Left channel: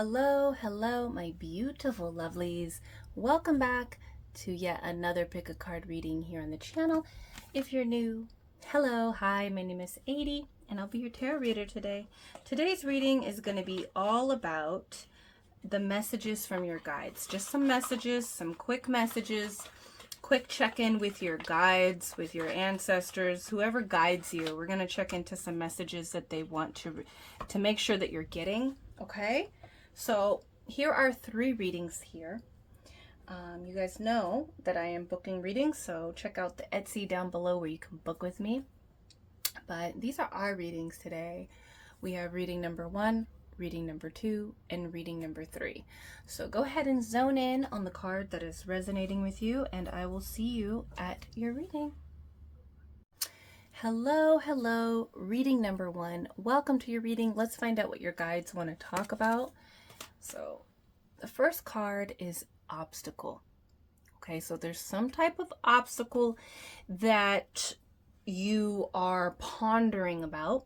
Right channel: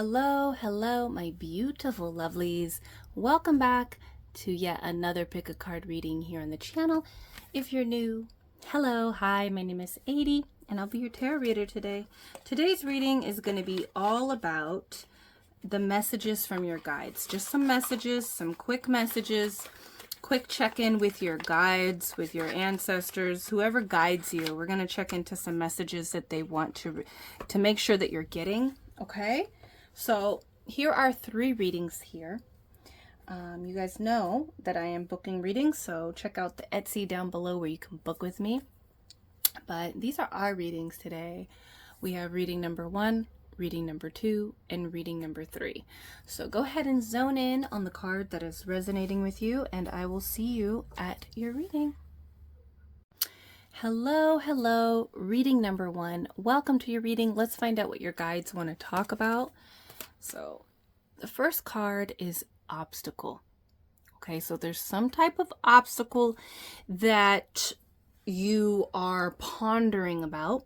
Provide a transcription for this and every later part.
Hello, my beautiful lovelies. Welcome back to yet another pick a card reading here on the channel. If you're new, hello, hi, my name is ADIE, and I'll be your tarot reader today. Today's reading is going to be all about the messages from your guides. Just some messages, some quick messages, quick check-in with your guides, with your ancestors, whoever guides you. We're going to check into some messages that they want to make sure that you're getting, okay? So here are 3 readings here. You guys know that I am booking readings, so check out the Etsy down below where you can book with me. But these are our readings today. We have reading number 1, reading number 2, and reading number 3. So go ahead and zone in on the card that is resonating with you, and I will see you at your reading. Hello, reading number 1. Welcome to your reading. Let's find out what your guides want to talk about. So the first card is obstacle. Okay, so there's some type of obstacle that you are pondering about.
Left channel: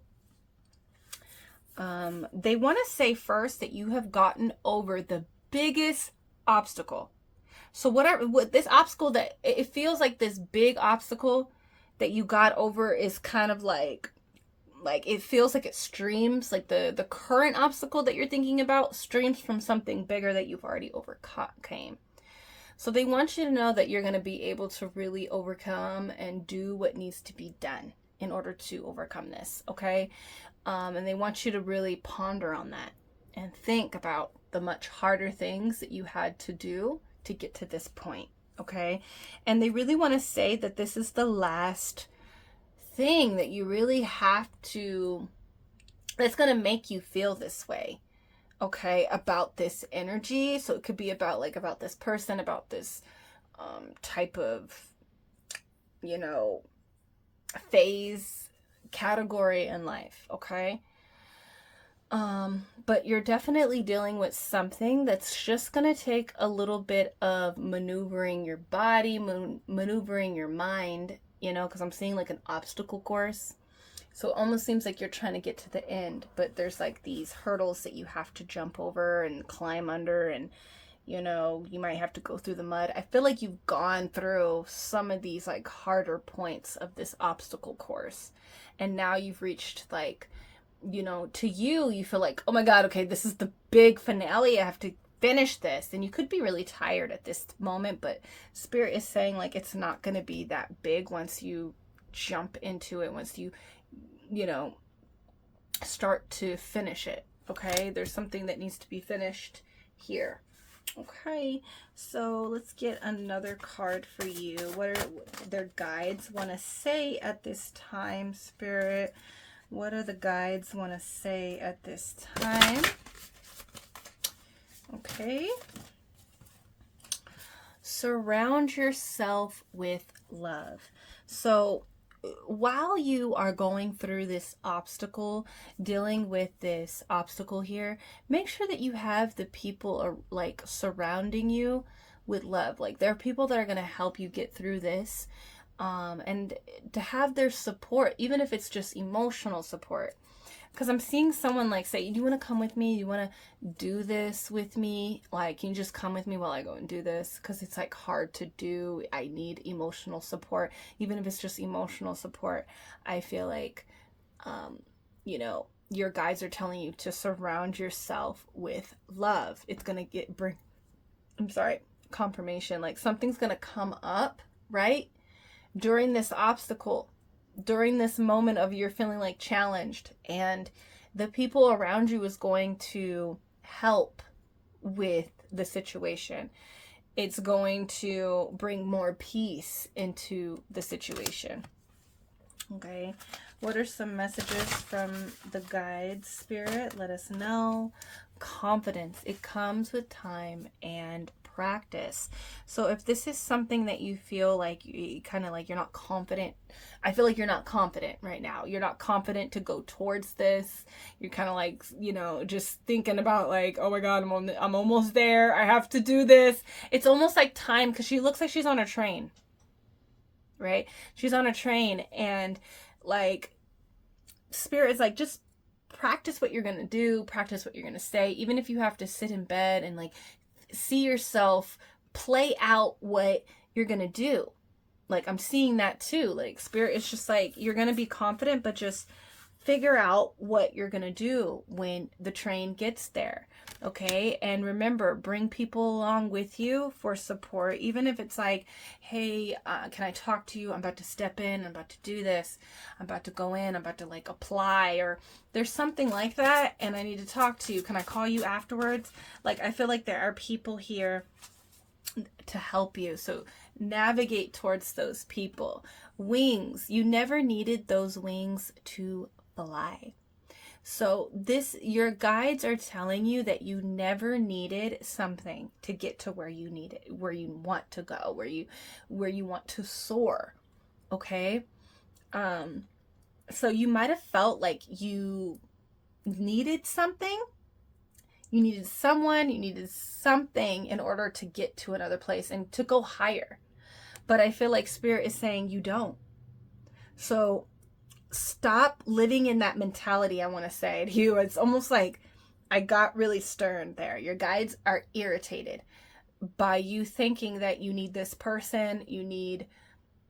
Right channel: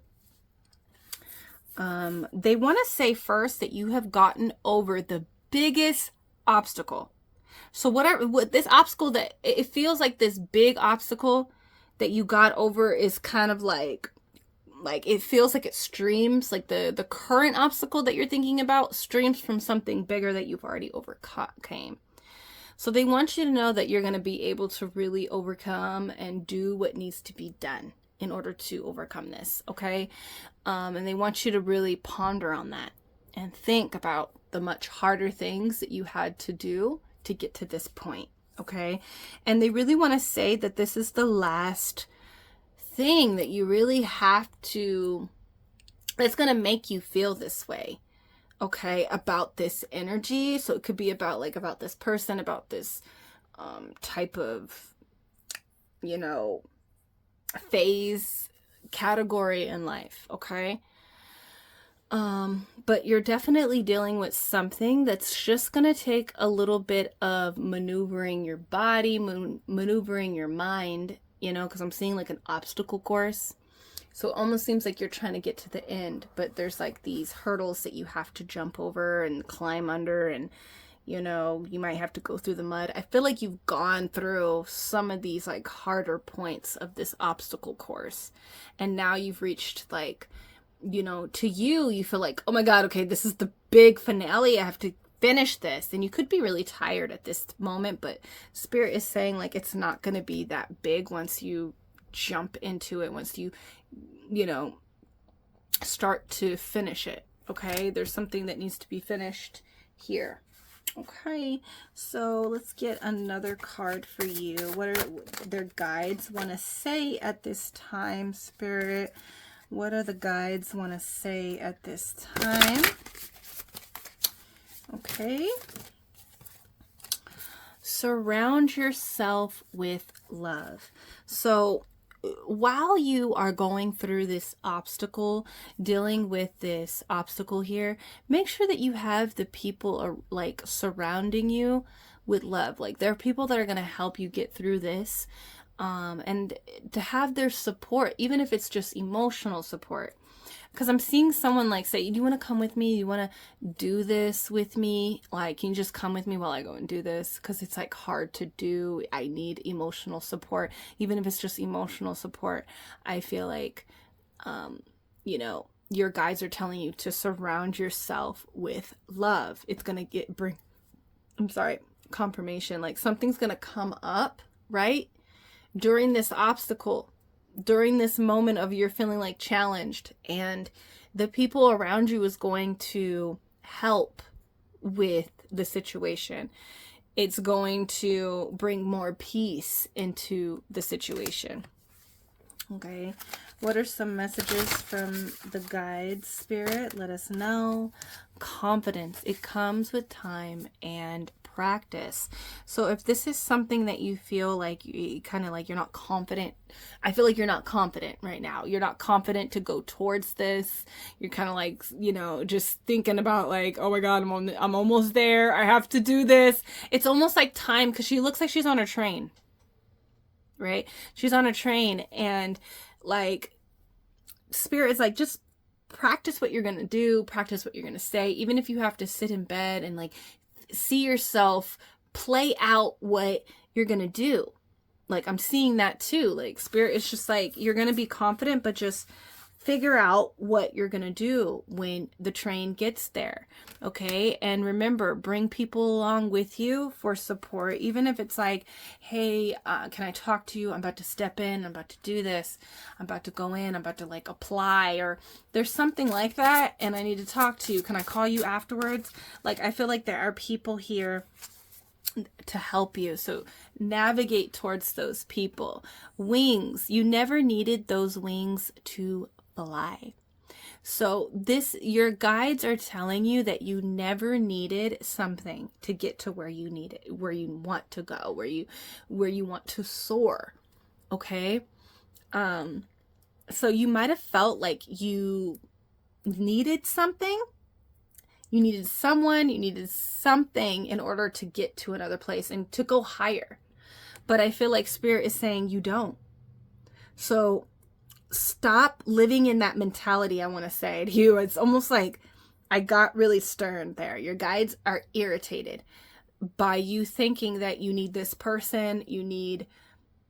They want to say first that you have gotten over the biggest obstacle. So what this obstacle, that it feels like this big obstacle that you got over is kind of like it feels like it streams, like the current obstacle that you're thinking about streams from something bigger that you've already overcame. So they want you to know that you're going to be able to really overcome and do what needs to be done in order to overcome this, okay? And they want you to really ponder on that and think about the much harder things that you had to do to get to this point, okay? And they really want to say that this is the last thing that you really have to, that's going to make you feel this way, okay, about this energy. So it could be about about this person, about this type of, phase, category in life, okay? But you're definitely dealing with something that's just going to take a little bit of maneuvering your body, maneuvering your mind, because I'm seeing like an obstacle course. So it almost seems like you're trying to get to the end, but there's like these hurdles that you have to jump over and climb under, and you might have to go through the mud. I feel like you've gone through some of these like harder points of this obstacle course, and now you've reached to you feel like, oh my God, okay, this is the big finale. I have to finish this. And you could be really tired at this moment, but Spirit is saying like it's not going to be that big once you jump into it, once you start to finish it, okay? There's something that needs to be finished here. Okay, so let's get another card for you. What are their guides want to say at this time, Spirit? What are the guides want to say at this time? Okay. Surround yourself with love. So while you are going through this obstacle, dealing with this obstacle here, make sure that you have the people surrounding you with love. Like there are people that are going to help you get through this, and to have their support, even if it's just emotional support. Because I'm seeing someone say, do you want to come with me? You want to do this with me? Can you just come with me while I go and do this? Because it's hard to do. I need emotional support. Even if it's just emotional support, I feel like, your guides are telling you to surround yourself with love. It's going to bring confirmation. Something's going to come up, right? During this obstacle, during this moment of you're feeling challenged, and the people around you is going to help with the situation. It's going to bring more peace into the situation. Okay, what are some messages from the guides, Spirit? Let us know. Confidence. It comes with time and practice. So if this is something that you feel like you kind of you're not confident, I feel like you're not confident right now. You're not confident to go towards this. You're kind of just thinking about oh my God, I'm almost there. I have to do this. It's almost like time, because she looks like she's on a train, right? She's on a train, and Spirit is just practice what you're going to do, practice what you're going to say, even if you have to sit in bed and like see yourself play out what you're going to do. Like, I'm seeing that too. Like, Spirit is just like, you're going to be confident, but just figure out what you're going to do when the train gets there. Okay. And remember, bring people along with you for support. Even if it's like, hey, can I talk to you? I'm about to step in. I'm about to do this. I'm about to go in. I'm about to like apply, or there's something like that. And I need to talk to you. Can I call you afterwards? Like, I feel like there are people here to help you. So navigate towards those people. Wings. You never needed those wings to fly. So your guides are telling you that you never needed something to get to where you need it, where you want to go, where you want to soar. Okay. So you might have felt like you needed something. You needed someone, you needed something in order to get to another place and to go higher. But I feel like Spirit is saying you don't. So stop living in that mentality, I want to say to you. It's almost like I got really stern there. Your guides are irritated by you thinking that you need this person, you need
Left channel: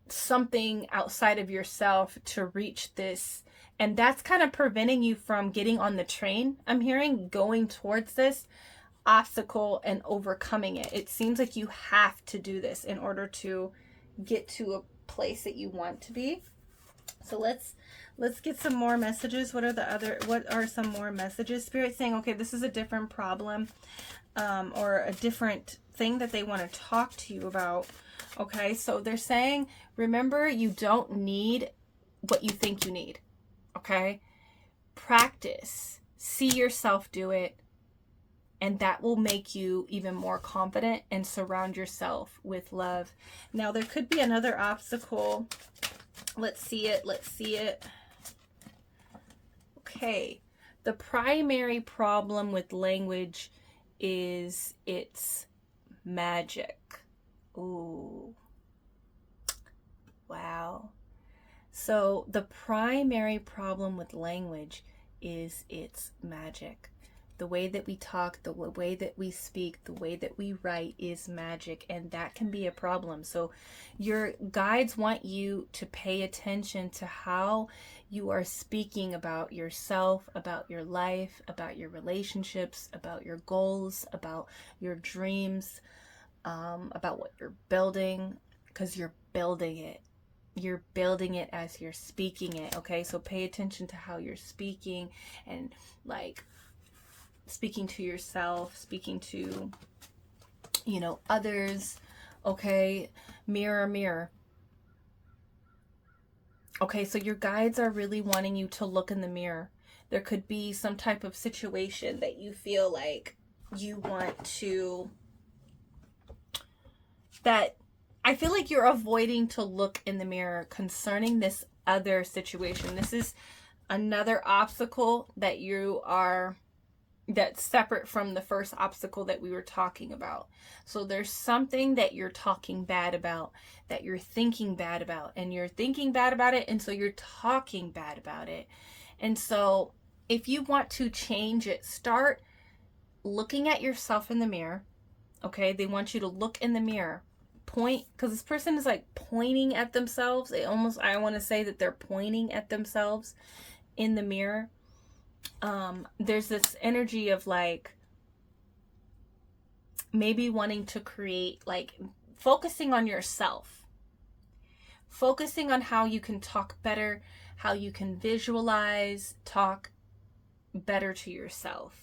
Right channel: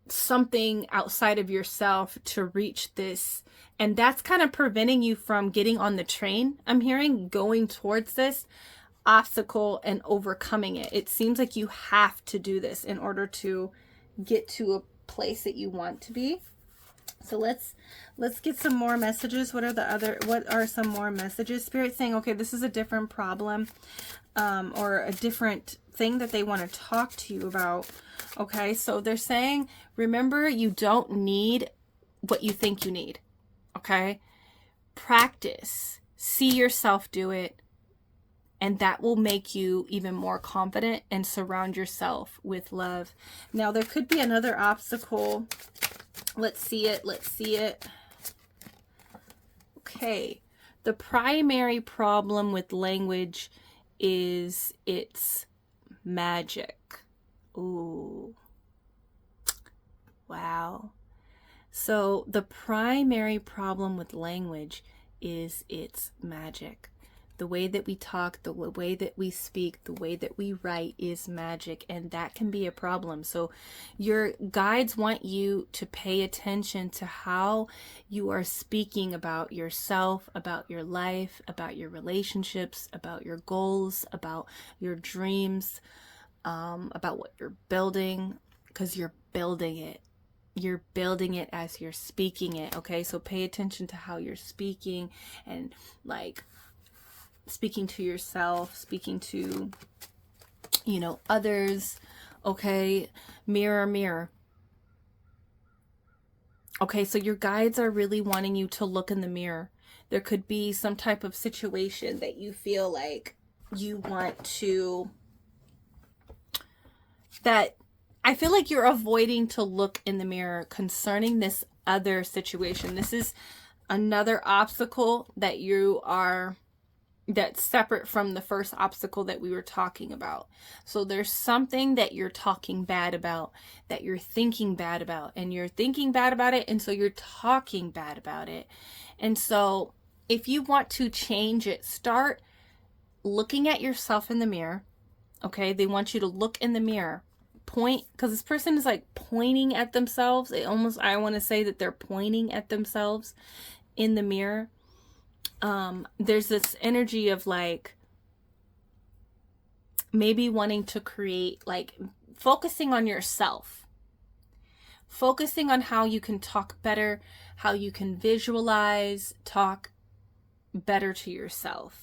something outside of yourself to reach this. And that's kind of preventing you from getting on the train, I'm hearing, going towards this obstacle and overcoming it. It seems like you have to do this in order to get to a place that you want to be. So let's get some more messages. What are some more messages? Spirit saying, okay, this is a different problem, or a different thing that they want to talk to you about. Okay, so they're saying, remember, you don't need what you think you need. Okay, practice, see yourself do it, and that will make you even more confident and surround yourself with love. Now, there could be another obstacle. Let's see it. Okay, the primary problem with language is its magic. Ooh, wow. So the primary problem with language is its magic. The way that we talk, the way that we speak, the way that we write is magic, and that can be a problem. So your guides want you to pay attention to how you are speaking about yourself, about your life, about your relationships, about your goals, about your dreams, about what you're building, because you're building it. You're building it as you're speaking it. Okay, so pay attention to how you're speaking, and like speaking to yourself, speaking to, others. Okay, mirror, mirror. Okay, so your guides are really wanting you to look in the mirror. There could be some type of situation that you feel like you want to, that I feel like you're avoiding to look in the mirror concerning this other situation. This is another obstacle that's separate from the first obstacle that we were talking about. So there's something that you're talking bad about, that you're thinking bad about, and you're thinking bad about it, and so you're talking bad about it. And so if you want to change it, start looking at yourself in the mirror. Okay, they want you to look in the mirror. Point, because this person is like pointing at themselves. I want to say that they're pointing at themselves in the mirror. There's this energy of like maybe wanting to create, like focusing on yourself, focusing on how you can talk better, how you can visualize, talk better to yourself,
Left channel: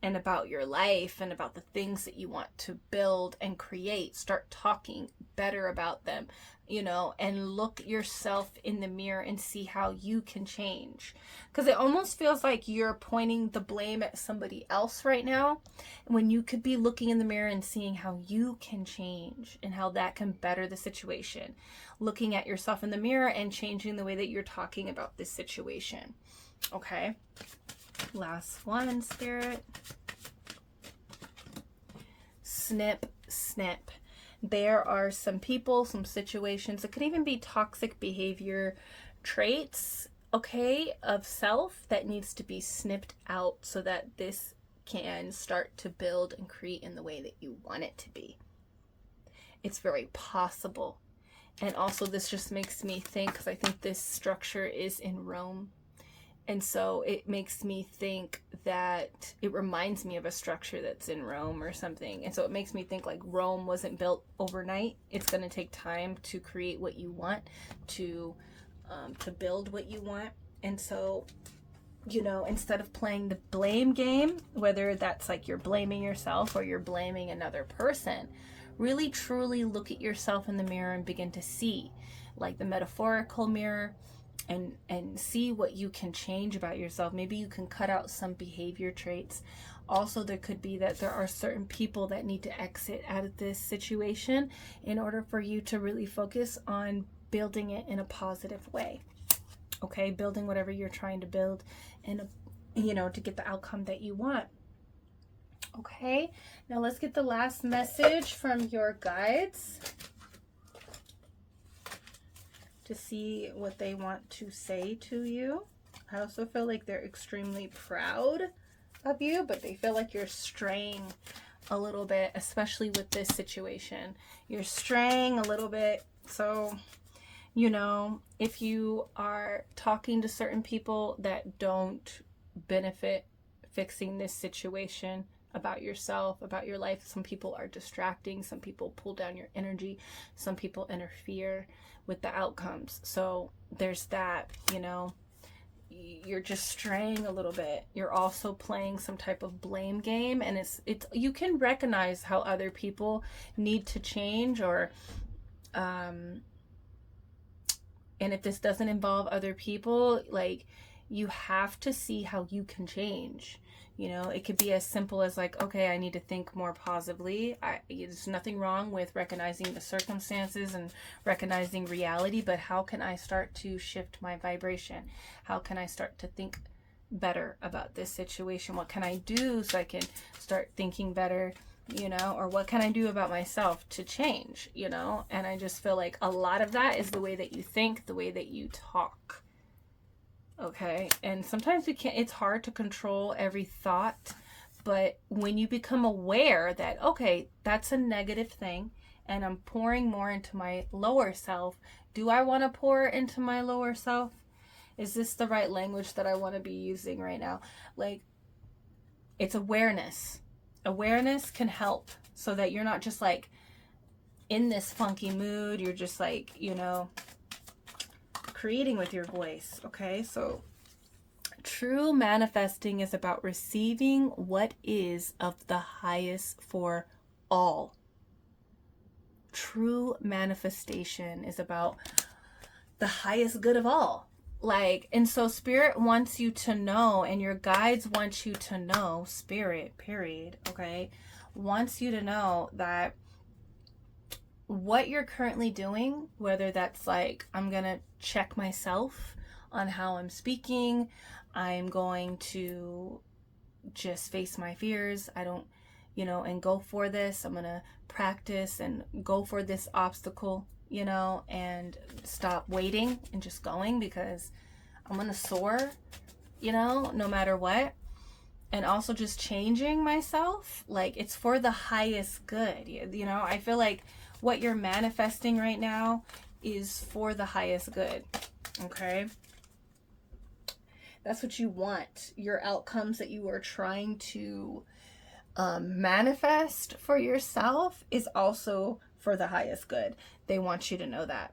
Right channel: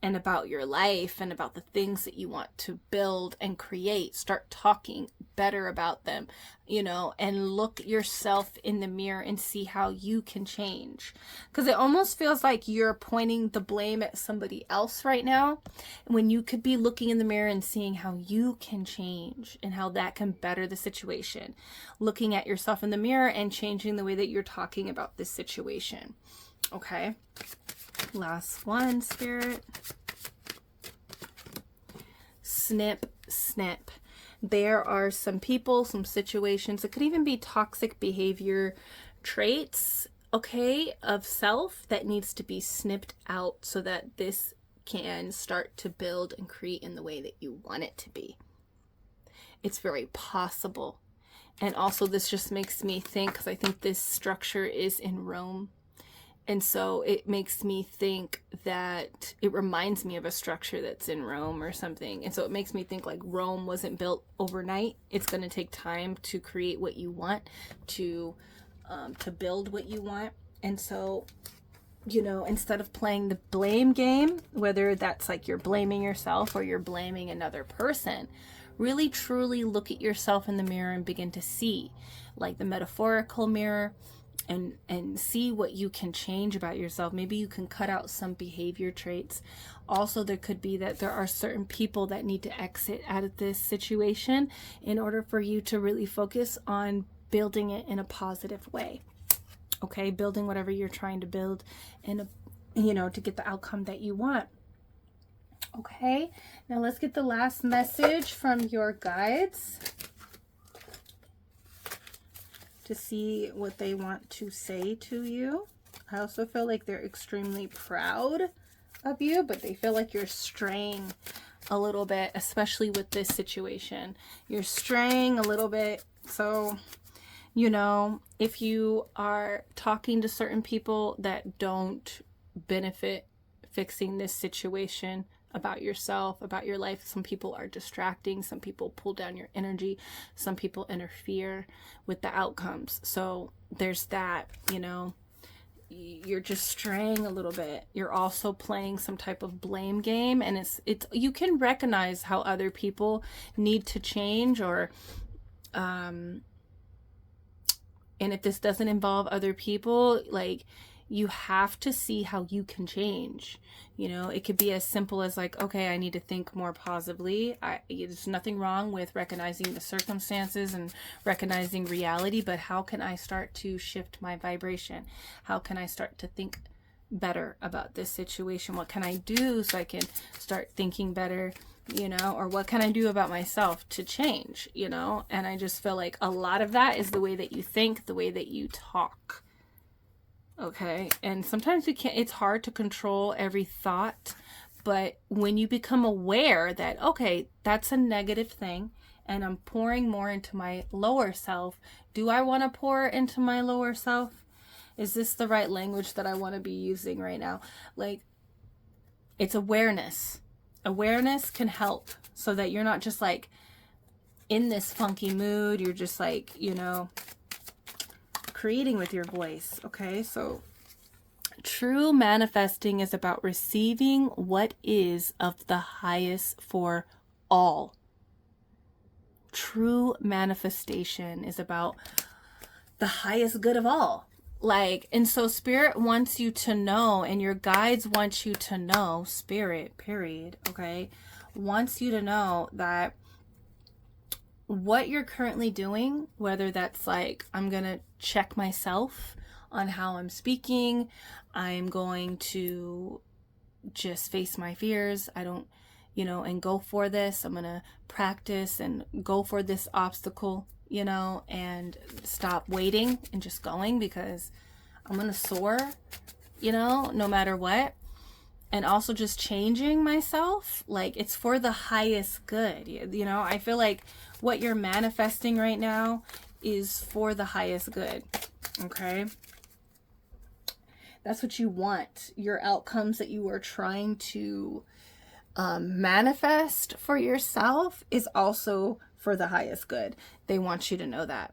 and about your life and about the things that you want to build and create. Start talking better about them, and look yourself in the mirror and see how you can change. Because it almost feels like you're pointing the blame at somebody else right now, when you could be looking in the mirror and seeing how you can change and how that can better the situation. Looking at yourself in the mirror and changing the way that you're talking about this situation. Okay. Last one, Spirit. Snip, snip. There are some people, some situations, it could even be toxic behavior traits okay, of self that needs to be snipped out so that this can start to build and create in the way that you want it to be. It's very possible. And also this just makes me think, because I think this structure is in Rome, and so it makes me think that it reminds me of a structure that's in Rome or something. And so it makes me think like Rome wasn't built overnight. It's going to take time to create what you want, to build what you want. And so, you know, instead of playing the blame game, whether that's like you're blaming yourself or you're blaming another person, really truly look at yourself in the mirror and begin to see, like the metaphorical mirror, and see what you can change about yourself. Maybe you can cut out some behavior traits. Also, there could be that there are certain people that need to exit out of this situation in order for you to really focus on building it in a positive way. Okay, building whatever you're trying to build in a, you know, to get the outcome that you want. Okay, now let's get the last message from your guides to see what they want to say to you. I also feel like they're extremely proud of you, but they feel like you're straying a little bit, especially with this situation. You're straying a little bit. So, you know, if you are talking to certain people that don't benefit fixing this situation about yourself, about your life, some people are distracting, some people pull down your energy, some people interfere with the outcomes. So there's that, you know, you're just straying a little bit. You're also playing some type of blame game, and it's you can recognize how other people need to change, or and if this doesn't involve other people, like, you have to see how you can change. You know, it could be as simple as like, okay, I need to think more positively. There's nothing wrong with recognizing the circumstances and recognizing reality, but how can I start to shift my vibration? How can I start to think better about this situation? What can I do so I can start thinking better, you know, or what can I do about myself to change, you know? And I just feel like a lot of that is the way that you think, the way that you talk. Okay, and sometimes we can't, it's hard to control every thought, but when you become aware that, okay, that's a negative thing and I'm pouring more into my lower self, do I want to pour into my lower self? Is this the right language that I want to be using right now? Like, it's awareness. Awareness can help so that you're not just like in this funky mood, you're just like, you know, creating with your voice. Okay, so true manifesting is about receiving what is of the highest for all. True manifestation is about the highest good of all. Like, and so spirit wants you to know, and your guides want you to know, spirit, period, okay, wants you to know that what you're currently doing, whether that's like, I'm gonna check myself on how I'm speaking, I'm going to just face my fears, I don't, you know, and go for this, I'm gonna practice and go for this obstacle, you know, and stop waiting and just going, because I'm gonna soar, you know, no matter what. And also just changing myself, like, it's for the highest good. You know, I feel like what you're manifesting right now is for the highest good. Okay, that's what you want. Your outcomes that you are trying to manifest for yourself is also for the highest good. They want you to know that.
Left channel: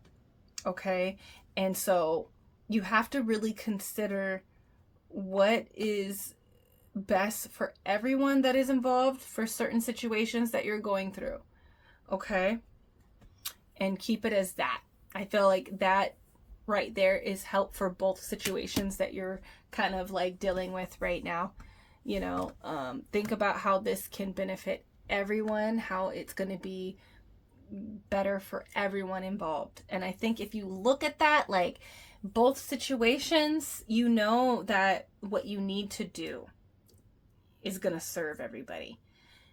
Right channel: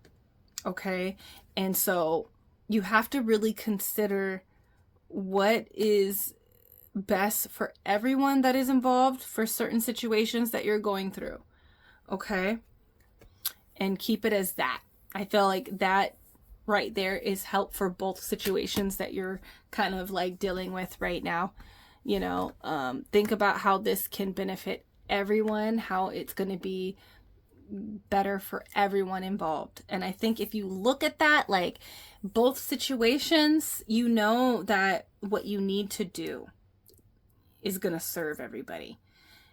Okay, and so you have to really consider what is best for everyone that is involved for certain situations that you're going through. Okay, and keep it as that. I feel like that right there is help for both situations that you're kind of like dealing with right now. You know, think about how this can benefit everyone, how it's going to be better for everyone involved. And I think if you look at that, like, both situations, you know that what you need to do is going to serve everybody.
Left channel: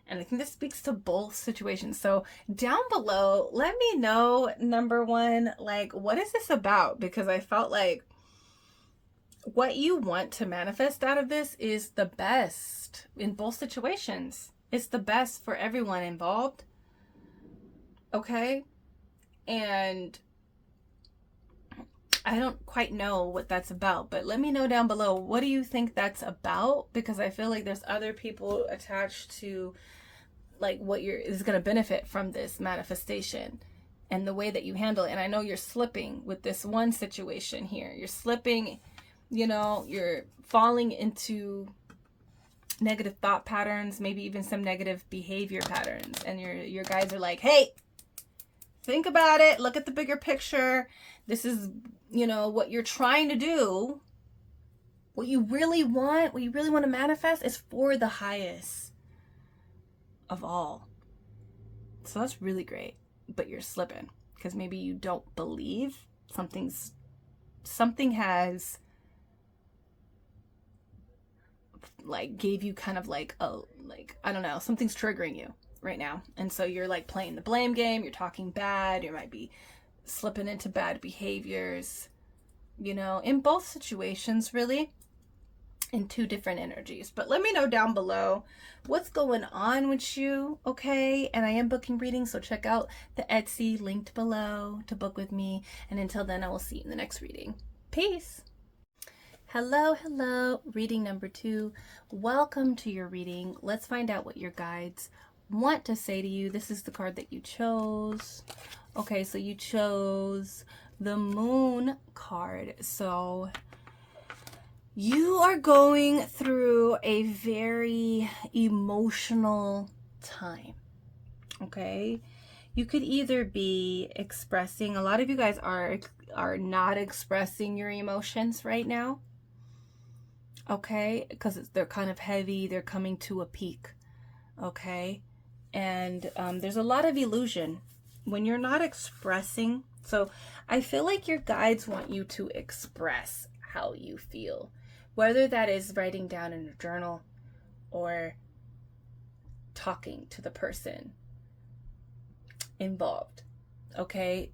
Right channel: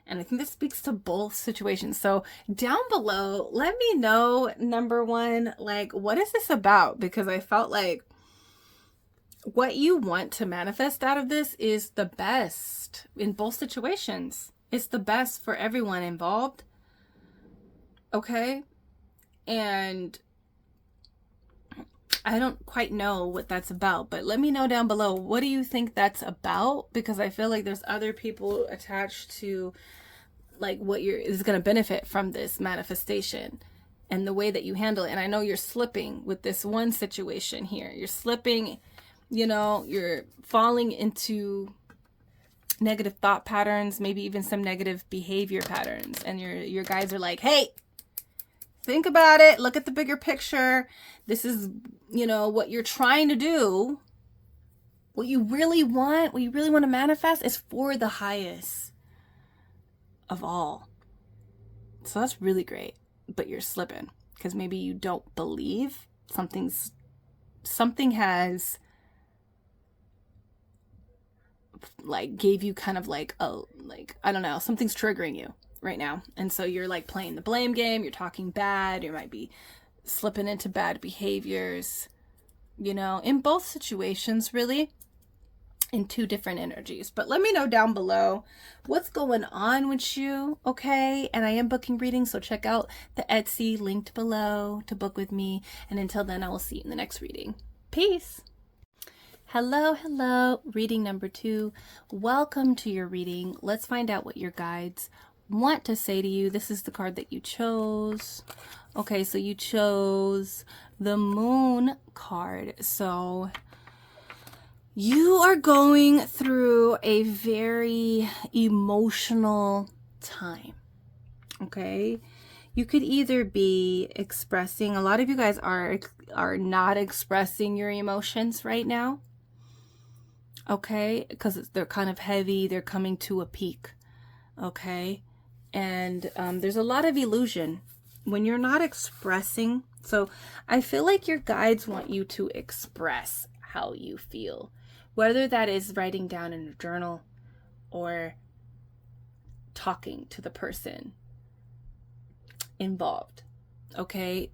And I think this speaks to both situations. So down below, let me know, number one, like, what is this about? Because I felt like what you want to manifest out of this is the best in both situations. It's the best for everyone involved. Okay? And I don't quite know what that's about, but let me know down below. What do you think that's about? Because I feel like there's other people attached to like what is going to benefit from this manifestation and the way that you handle it. And I know you're slipping with this one situation here. You're slipping, you know, you're falling into negative thought patterns, maybe even some negative behavior patterns. And your guides are like, hey, think about it. Look at the bigger picture. This is, you know, what you're trying to do. What you really want to manifest is for the highest of all. So that's really great. But you're slipping because maybe you don't believe something has like gave you kind of like a, like, I don't know, something's triggering you right now. And so you're like playing the blame game, you're talking bad, you might be slipping into bad behaviors, you know, in both situations, really, in two different energies. But let me know down below what's going on with you, okay? And I am booking readings, so check out the Etsy linked below to book with me. And until then, I will see you in the next reading. Peace. Hello, hello. Reading number 2. Welcome to your reading. Let's find out what your guides want to say to you. This is the card that you chose. Okay, so you chose the Moon card. So you are going through a very emotional time. Okay, you could either be expressing, a lot of you guys are not expressing your emotions right now. Okay, because they're kind of heavy, they're coming to a peak. Okay, and there's a lot of illusion when you're not expressing. So I feel like your guides want you to express how you feel, whether that is writing down in a journal or talking to the person involved. Okay,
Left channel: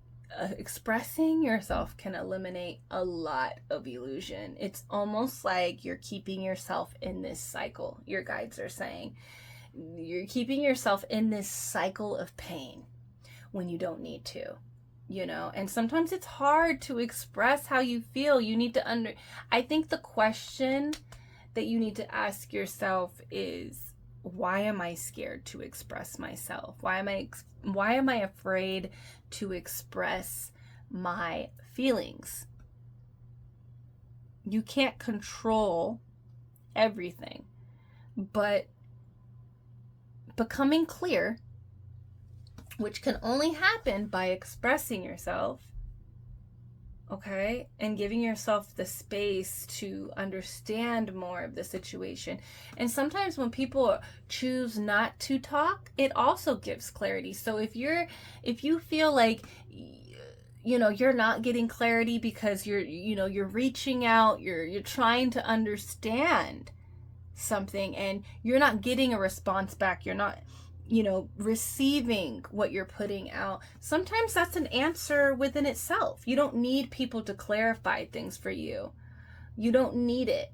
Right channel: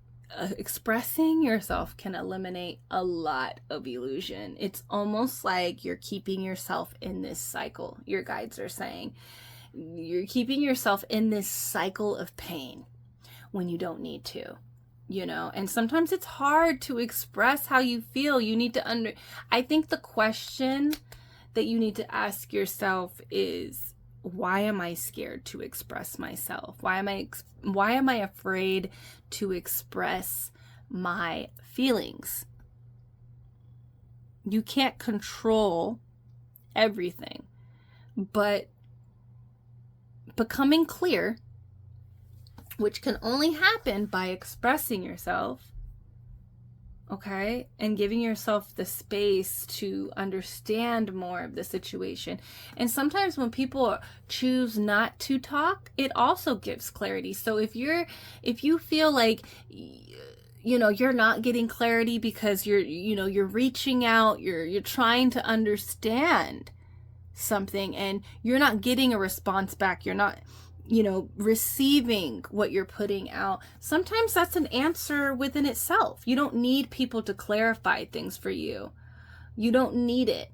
expressing yourself can eliminate a lot of illusion. It's almost like you're keeping yourself in this cycle. Your guides are saying you're keeping yourself in this cycle of pain when you don't need to, you know. And sometimes it's hard to express how you feel. You need to I think the question that you need to ask yourself is, why am I scared to express myself? Why am I afraid to express my feelings? You can't control everything, but becoming clear, which can only happen by expressing yourself, okay, and giving yourself the space to understand more of the situation. And sometimes when people choose not to talk, it also gives clarity. So if you feel like, you know, you're not getting clarity because you're reaching out, you're trying to understand something and you're not getting a response back, you're not, you know, receiving what you're putting out, sometimes that's an answer within itself. You don't need people to clarify things for you. You don't need it.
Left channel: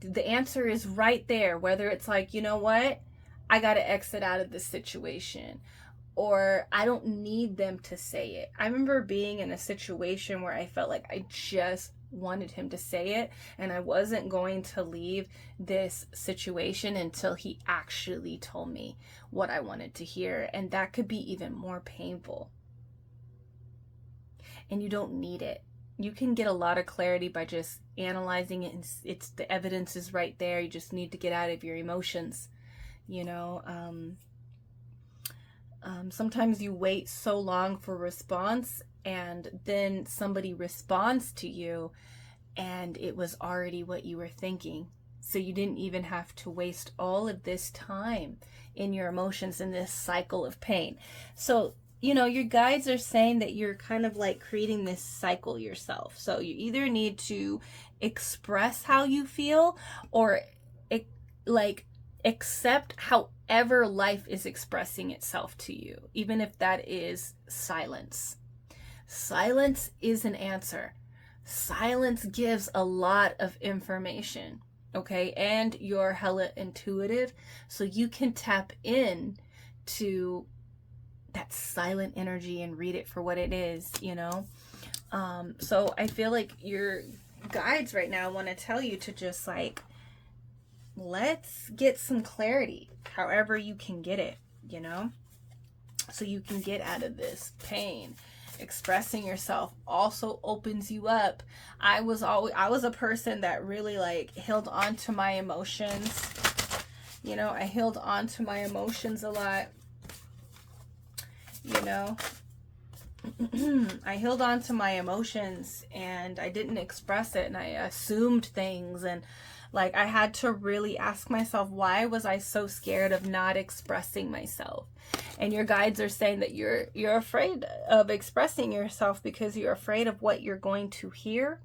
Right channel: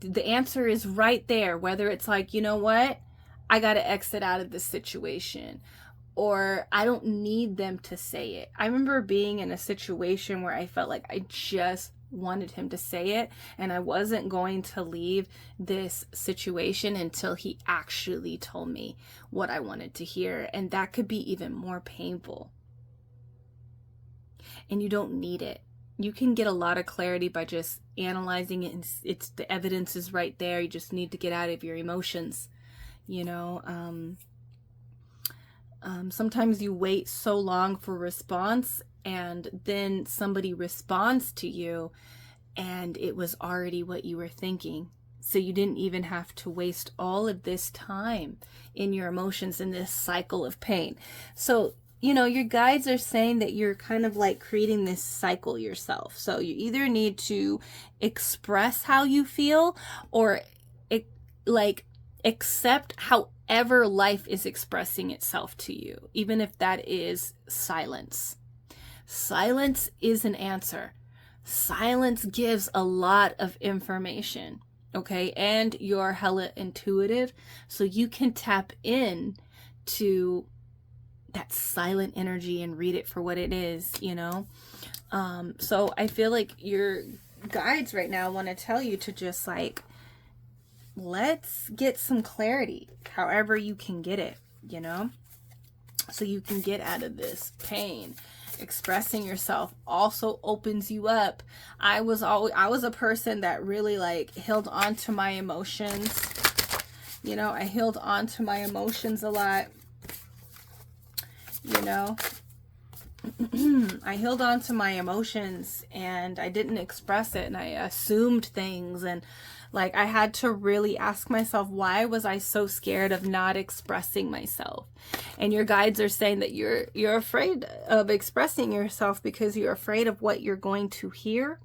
The answer is right there, whether it's like, you know what, I got to exit out of this situation, or I don't need them to say it. I remember being in a situation where I felt like I just wanted him to say it, and I wasn't going to leave this situation until he actually told me what I wanted to hear. And that could be even more painful. And you don't need it. You can get a lot of clarity by just analyzing it, and it's the evidence is right there. You just need to get out of your emotions, you know. Sometimes you wait so long for a response, and then somebody responds to you and it was already what you were thinking. So you didn't even have to waste all of this time in your emotions in this cycle of pain. So, you know, your guides are saying that you're kind of like creating this cycle yourself. So you either need to express how you feel, or accept however life is expressing itself to you, even if that is silence. Silence is an answer. silence gives a lot of information, okay? And you're hella intuitive, so you can tap in to that silent energy and read it for what it is, you know? So I feel like your guides right now want to tell you to just like, let's get some clarity, however you can get it, you know? So you can get out of this pain. Expressing yourself also opens you up. I was a person that really like held on to my emotions. You know, I held on to my emotions a lot. You know, I held on to my emotions and I didn't express it, and I assumed things, and like I had to really ask myself, why was I so scared of not expressing myself? And your guides are saying that you're afraid of expressing yourself because you're afraid of what you're going to hear.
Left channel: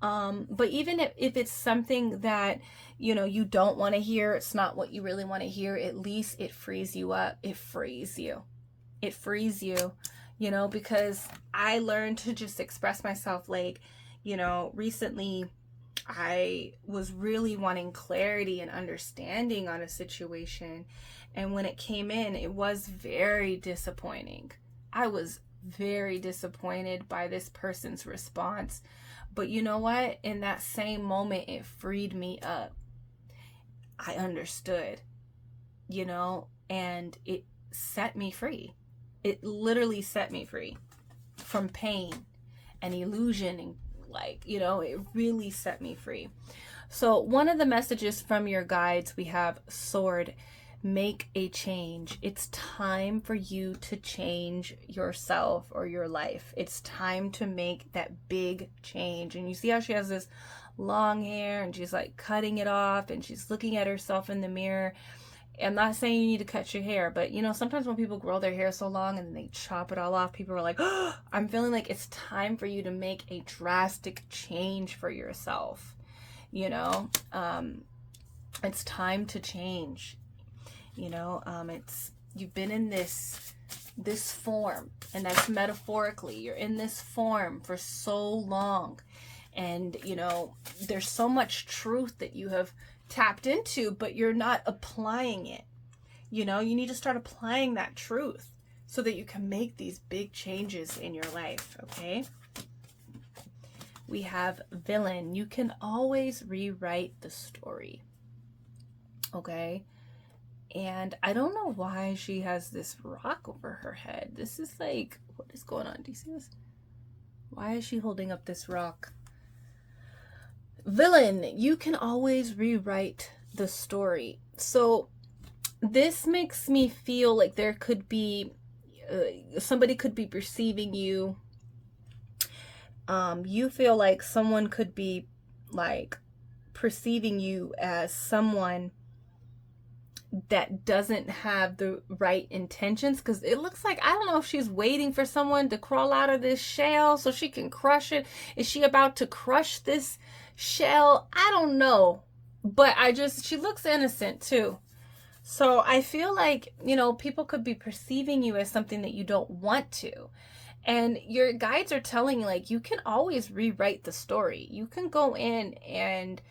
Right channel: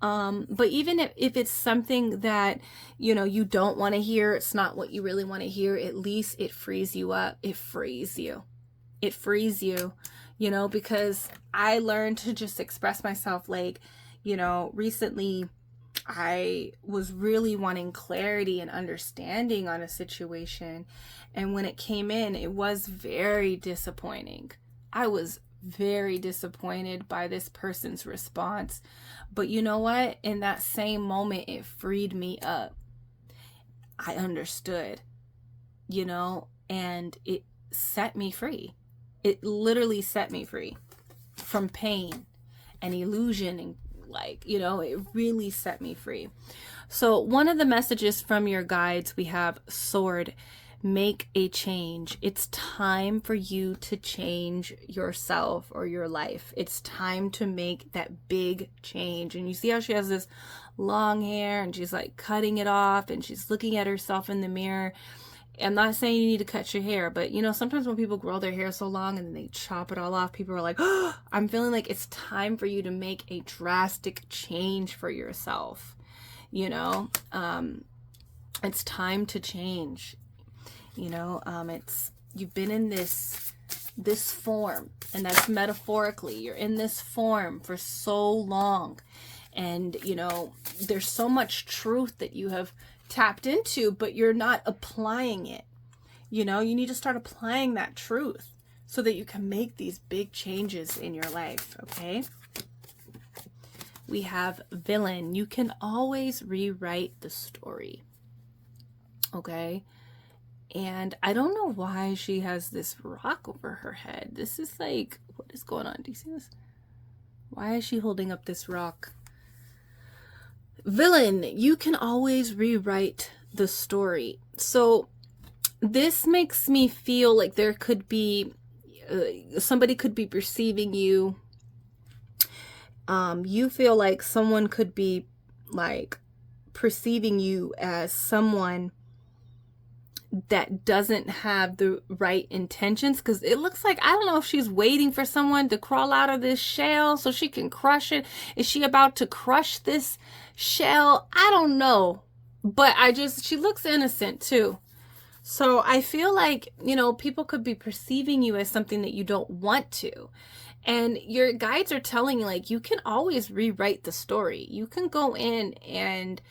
But even if it's something that, you know, you don't want to hear, it's not what you really want to hear, at least it frees you up. It frees you. It frees you, you know, because I learned to just express myself. Like, you know, recently I was really wanting clarity and understanding on a situation. And when it came in, it was very disappointing. I was very disappointed by this person's response. But you know what? In that same moment, it freed me up. I understood, you know, and it set me free. It literally set me free from pain and illusion, and like, you know, it really set me free. So one of the messages from your guides, we have Sword. Make a change. It's time for you to change yourself or your life. It's time to make that big change. And you see how she has this long hair and she's like cutting it off and she's looking at herself in the mirror. I'm not saying you need to cut your hair, but you know, sometimes when people grow their hair so long and then they chop it all off, people are like, oh, I'm feeling like it's time for you to make a drastic change for yourself. You know, it's time to change. You know, it's, you've been in this form, and that's metaphorically, you're in this form for so long, and you know, there's so much truth that you have tapped into, but you're not applying it. You know, you need to start applying that truth so that you can make these big changes in your life. Okay, we have Villain. You can always rewrite the story. Okay. And I don't know why she has this rock over her head. This is like, what is going on? Do you see this? Why is she holding up this rock? Villain, you can always rewrite the story. So this makes me feel like there could be, somebody could be perceiving you. You feel like someone could be like perceiving you as someone that doesn't have the right intentions, because it looks like, I don't know if she's waiting for someone to crawl out of this shell so she can crush it. Is she about to crush this shell? I don't know, but she looks innocent too. So I feel like, you know, people could be perceiving you as something that you don't want to. And your guides are telling you, like, you can always rewrite the story. You can go in and,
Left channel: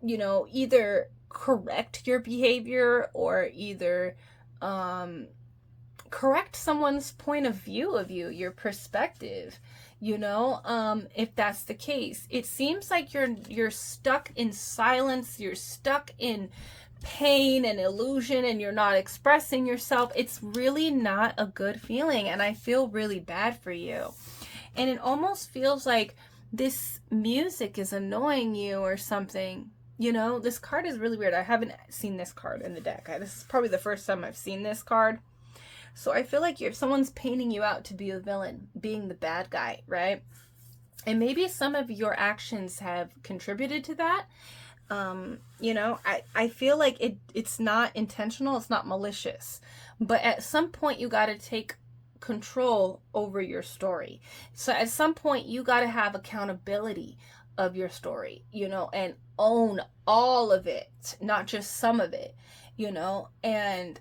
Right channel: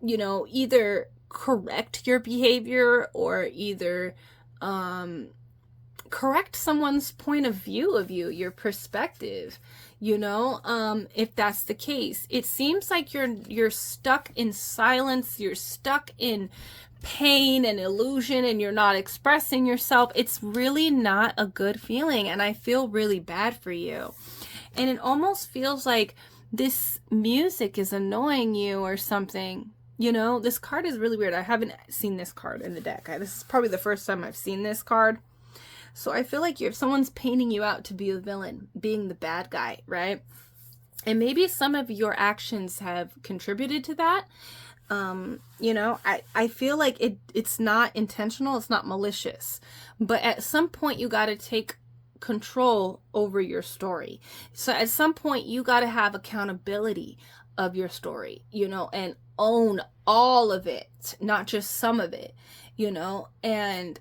you know, either correct your behavior or either correct someone's point of view of you, your perspective, you know, if that's the case. It seems like you're stuck in silence, you're stuck in pain and illusion, and you're not expressing yourself. It's really not a good feeling, and I feel really bad for you. And it almost feels like this music is annoying you or something. You know, this card is really weird. I haven't seen this card in the deck. This is probably the first time I've seen this card. So I feel like if someone's painting you out to be a villain, being the bad guy, right? And maybe some of your actions have contributed to that. You know, I feel like it's not intentional. It's not malicious. But at some point, you got to take control over your story. So at some point, you got to have accountability of your story, you know, and own all of it, not just some of it, you know, and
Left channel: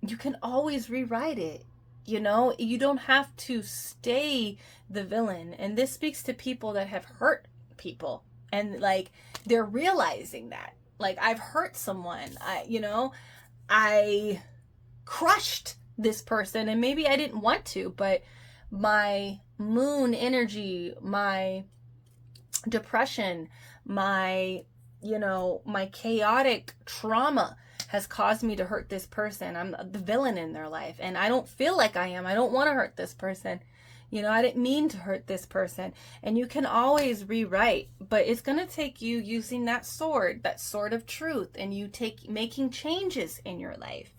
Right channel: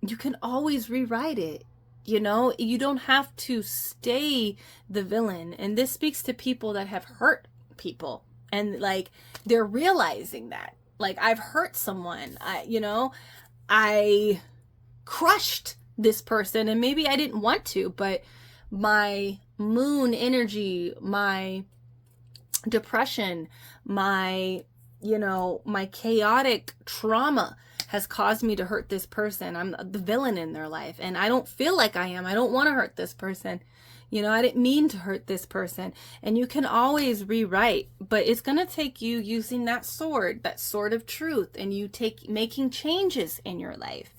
you can always rewrite it. You know, you don't have to stay the villain. And this speaks to people that have hurt people, and like they're realizing that, like, I've hurt someone. I crushed this person, and maybe I didn't want to, but my moon energy, my depression, my my chaotic trauma has caused me to hurt this person. I'm the villain in their life, and I don't feel like I am. I don't want to hurt this person. I didn't mean to hurt this person. And you can always rewrite, but it's going to take you using that sword of truth, and you making changes in your life.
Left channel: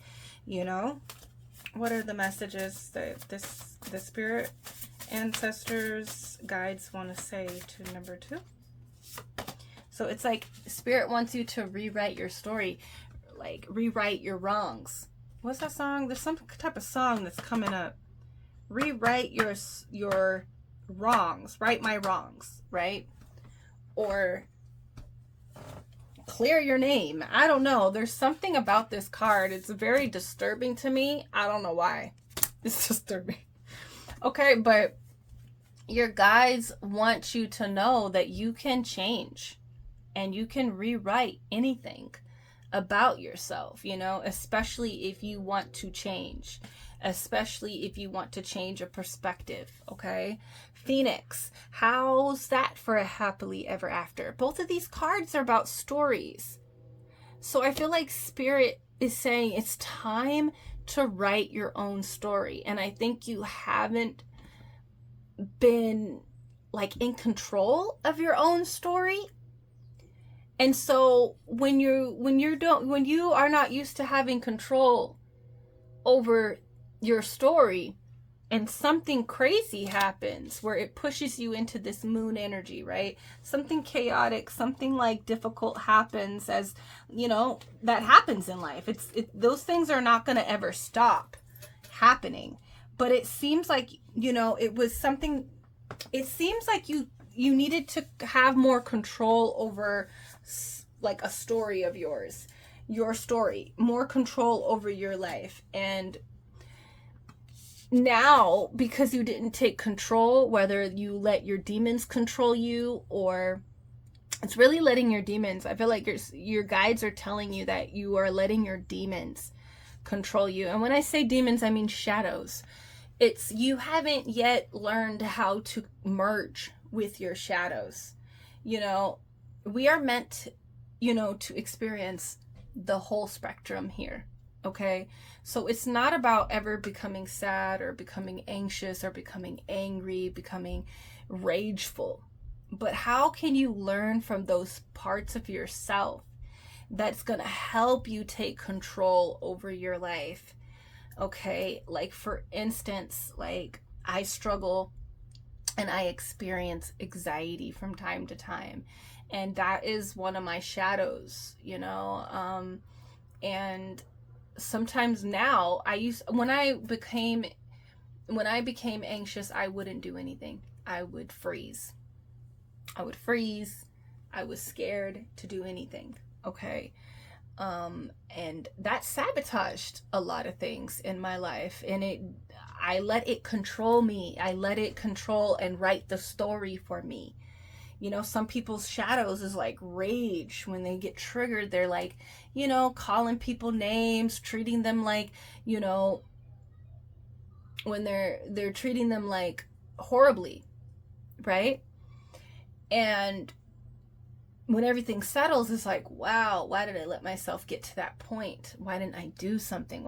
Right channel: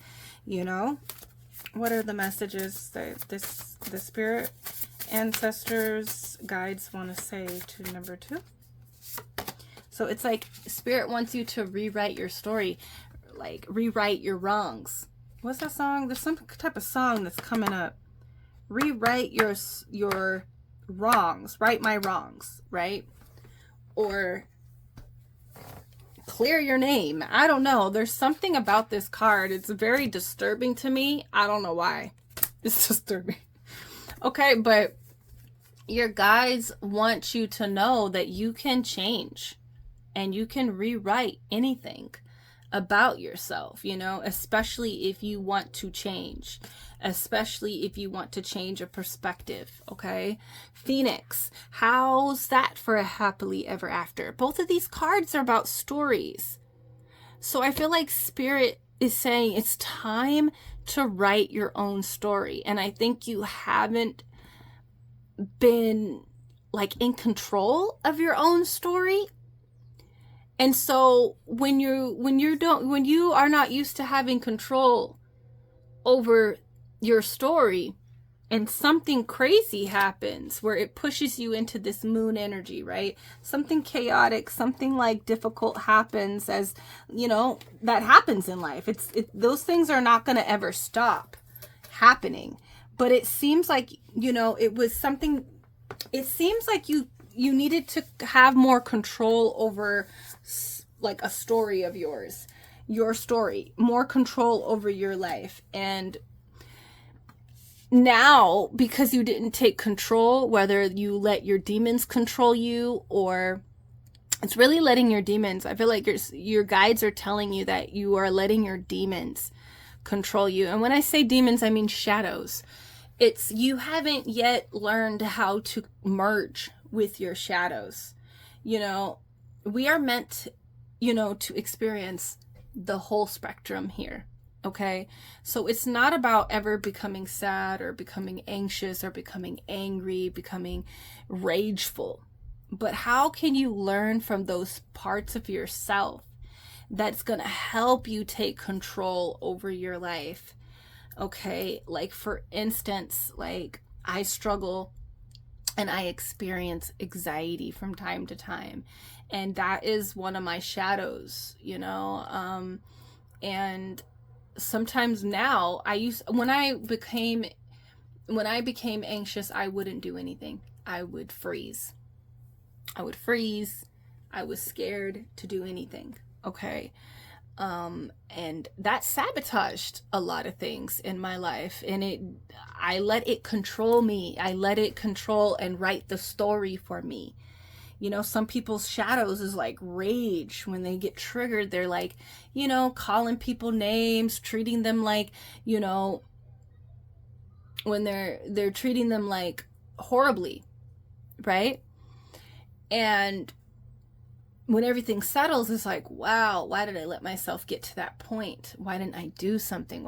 What are the messages that the spirit, ancestors, guides want to say to number 2? So it's like spirit wants you to rewrite your story, like rewrite your wrongs. What's that song? There's some type of song that's coming up. Rewrite your wrongs, right my wrongs, right? Or clear your name. I don't know. There's something about this card. It's very disturbing to me. I don't know why. It's disturbing. Okay, but your guides want you to know that you can change. And you can rewrite anything about yourself, especially if you want to change, especially if you want to change a perspective, okay? Phoenix, how's that for a happily ever after? Both of these cards are about stories. So I feel like Spirit is saying it's time to write your own story. And I think you haven't been like in control of your own story. And so when you are not used to having control over your story, and something crazy happens where it pushes you into this moon energy, right? Something chaotic, something like difficult happens, as that happens in life. Those things are not going to ever stop happening. But it seems like, it was something, it seems like you needed to have more control over like a story of yours, your story, more control over your life. And now, because you didn't take control, whether you let your demons control you, or it's really letting your demons, I feel like your guides are telling you that you are letting your demons control you. And when I say demons, I mean shadows. It's you haven't yet learned how to merge with your shadows. We are meant, to experience the whole spectrum here. Okay. So it's not about ever becoming sad or becoming anxious or becoming angry, becoming rageful. But how can you learn from those parts of yourself that's going to help you take control over your life? Okay. Like, for instance, like I struggle and I experience anxiety from time to time. And that is one of my shadows, and sometimes now when I became anxious, I wouldn't do anything. I would freeze. I was scared to do anything. Okay. And that sabotaged a lot of things in my life, and I let it control me. I let it control and write the story for me. Some people's shadows is like rage. When they get triggered, they're like, calling people names, treating them like, when they're treating them like horribly, right? And when everything settles, it's like, wow, why did I let myself get to that point? Why didn't I do something?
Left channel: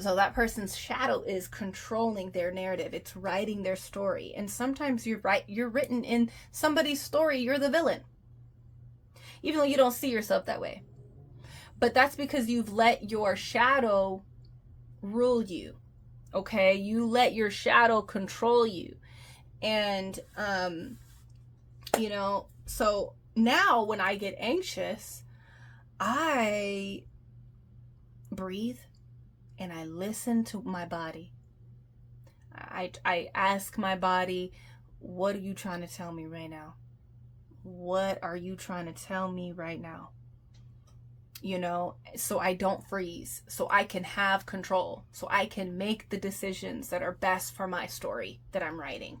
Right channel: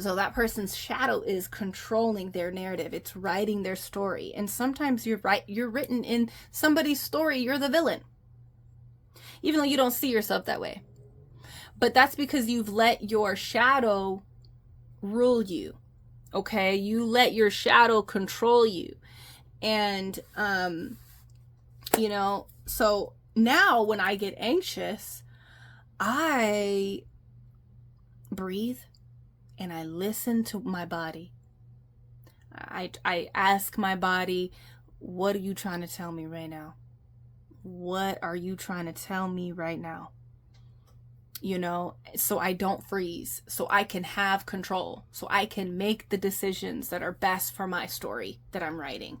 So that person's shadow is controlling their narrative. It's writing their story. And sometimes you're written in somebody's story. You're the villain, even though you don't see yourself that way. But that's because you've let your shadow rule you. Okay. You let your shadow control you. And, so now when I get anxious, I breathe and I listen to my body. I ask my body, what are you trying to tell me right now? What are you trying to tell me right now? you know, so I don't freeze, so I can have control, so I can make the decisions that are best for my story that I'm writing.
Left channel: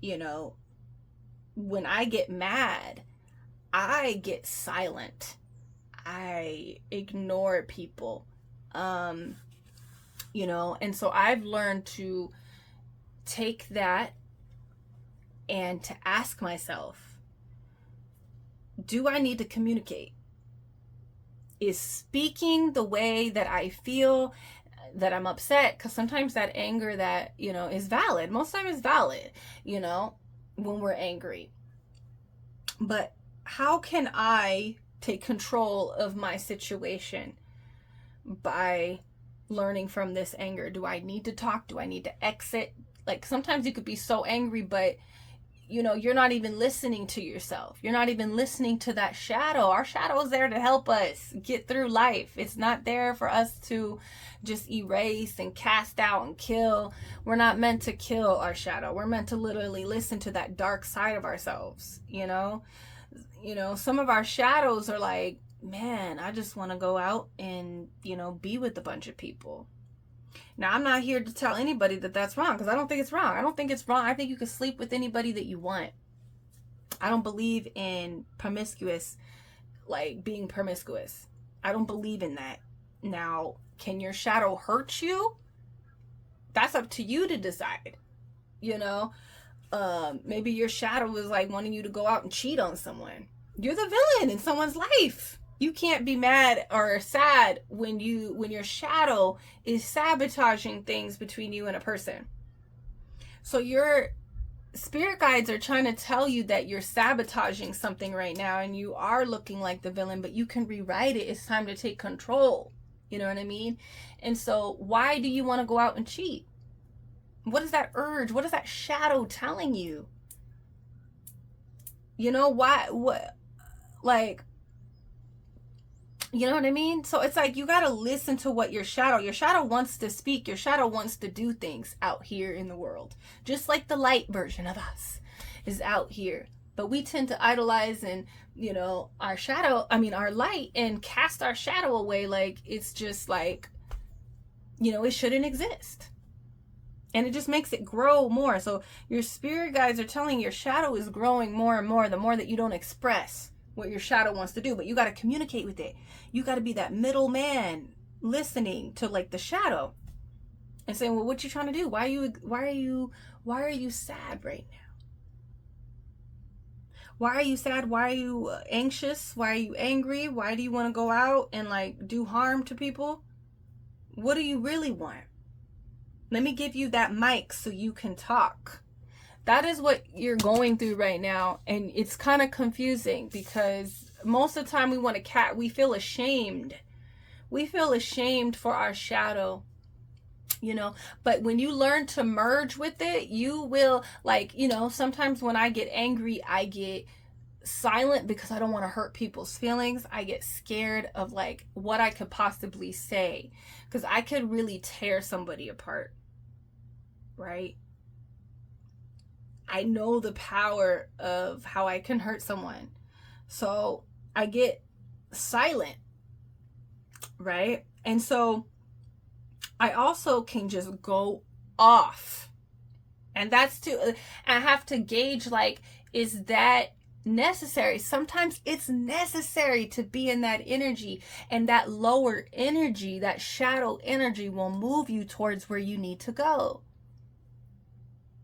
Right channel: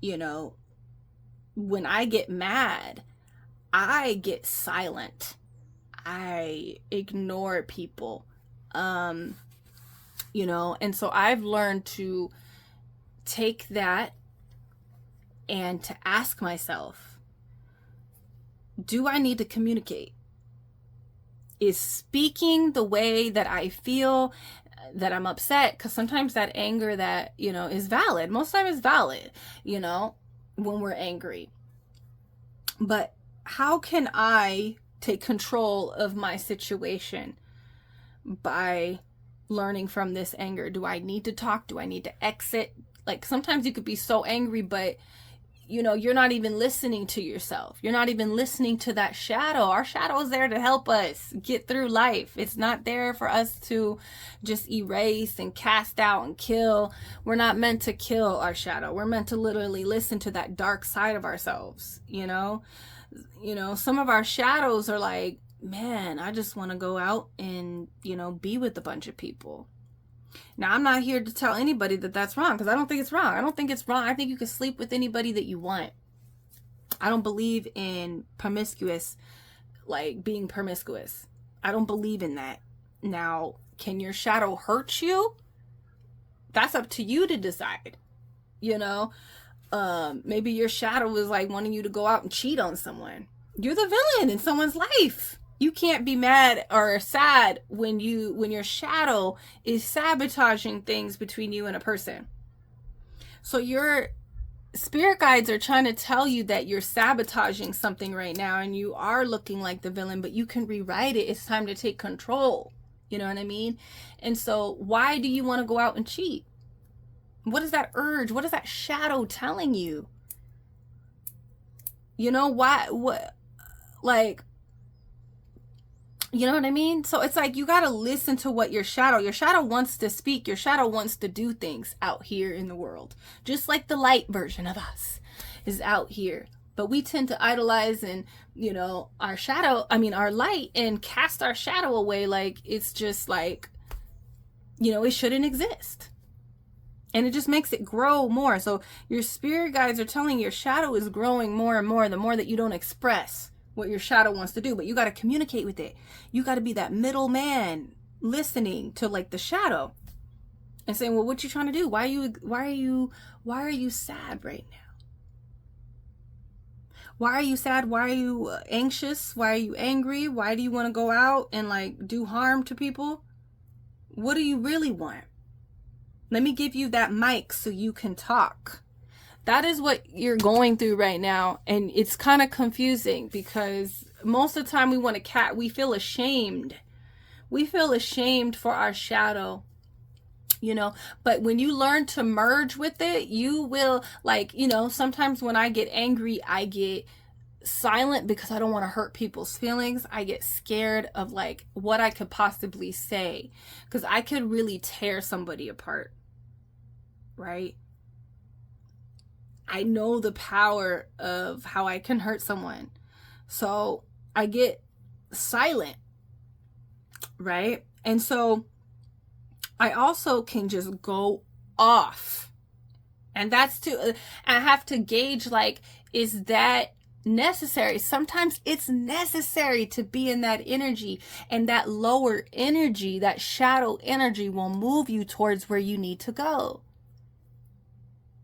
You know, when I get mad, I get silent. I ignore people. You know, and so I've learned to take that and to ask myself, do I need to communicate? Is speaking the way that I feel, that I'm upset, because sometimes that anger that, you know, is valid, most of the time is valid, you know, when we're angry. But how can I take control of my situation by learning from this anger? Do I need to talk? Do I need to exit? Like, sometimes you could be so angry, but you know, you're not even listening to yourself. You're not even listening to that shadow. Our shadow is there to help us get through life. It's not there for us to just erase and cast out and kill. We're not meant to kill our shadow. We're meant to literally listen to that dark side of ourselves, you know? You know, some of our shadows are like, man, I just want to go out and, you know, be with a bunch of people. Now, I'm not here to tell anybody that that's wrong, because I don't think it's wrong. I don't think it's wrong. I think you can sleep with anybody that you want. I don't believe in promiscuous, like being promiscuous. I don't believe in that. Now, can your shadow hurt you? That's up to you to decide. You know, maybe your shadow is like wanting you to go out and cheat on someone. You're the villain in someone's life. You can't be mad or sad when your shadow is sabotaging things between you and a person. So your spirit guides are trying to tell you that you're sabotaging something right now and you are looking like the villain, but you can rewrite it. It's time to take control. You know what I mean? And so why do you want to go out and cheat? What is that urge? What is that shadow telling you? You know, why, what, like, you know what I mean? So it's like you got to listen to what your shadow wants to speak. Your shadow wants to do things out here in the world. Just like the light version of us is out here. But we tend to idolize and, you know, our light, and cast our shadow away like it's just like, you know, it shouldn't exist. And it just makes it grow more. So your spirit guides are telling your shadow is growing more and more the more that you don't express what your shadow wants to do. But you got to communicate with it. You got to be that middle man listening to like the shadow and saying, well, what you trying to do? Why are you sad right now? Why are you sad? Why are you anxious? Why are you angry? Why do you want to go out and like do harm to people? What do you really want? Let me give you that mic so you can talk. That is what you're going through right now. And it's kind of confusing because most of the time we feel ashamed. We feel ashamed for our shadow, you know, but when you learn to merge with it, you will, like, you know, sometimes when I get angry, I get silent because I don't want to hurt people's feelings. I get scared of like what I could possibly say, because I could really tear somebody apart, right? I know the power of how I can hurt someone. So I get silent, right? And so I also can just go off. And that's I have to gauge, like, is that necessary? Sometimes it's necessary to be in that energy, and that lower energy, that shadow energy, will move you towards where you need to go.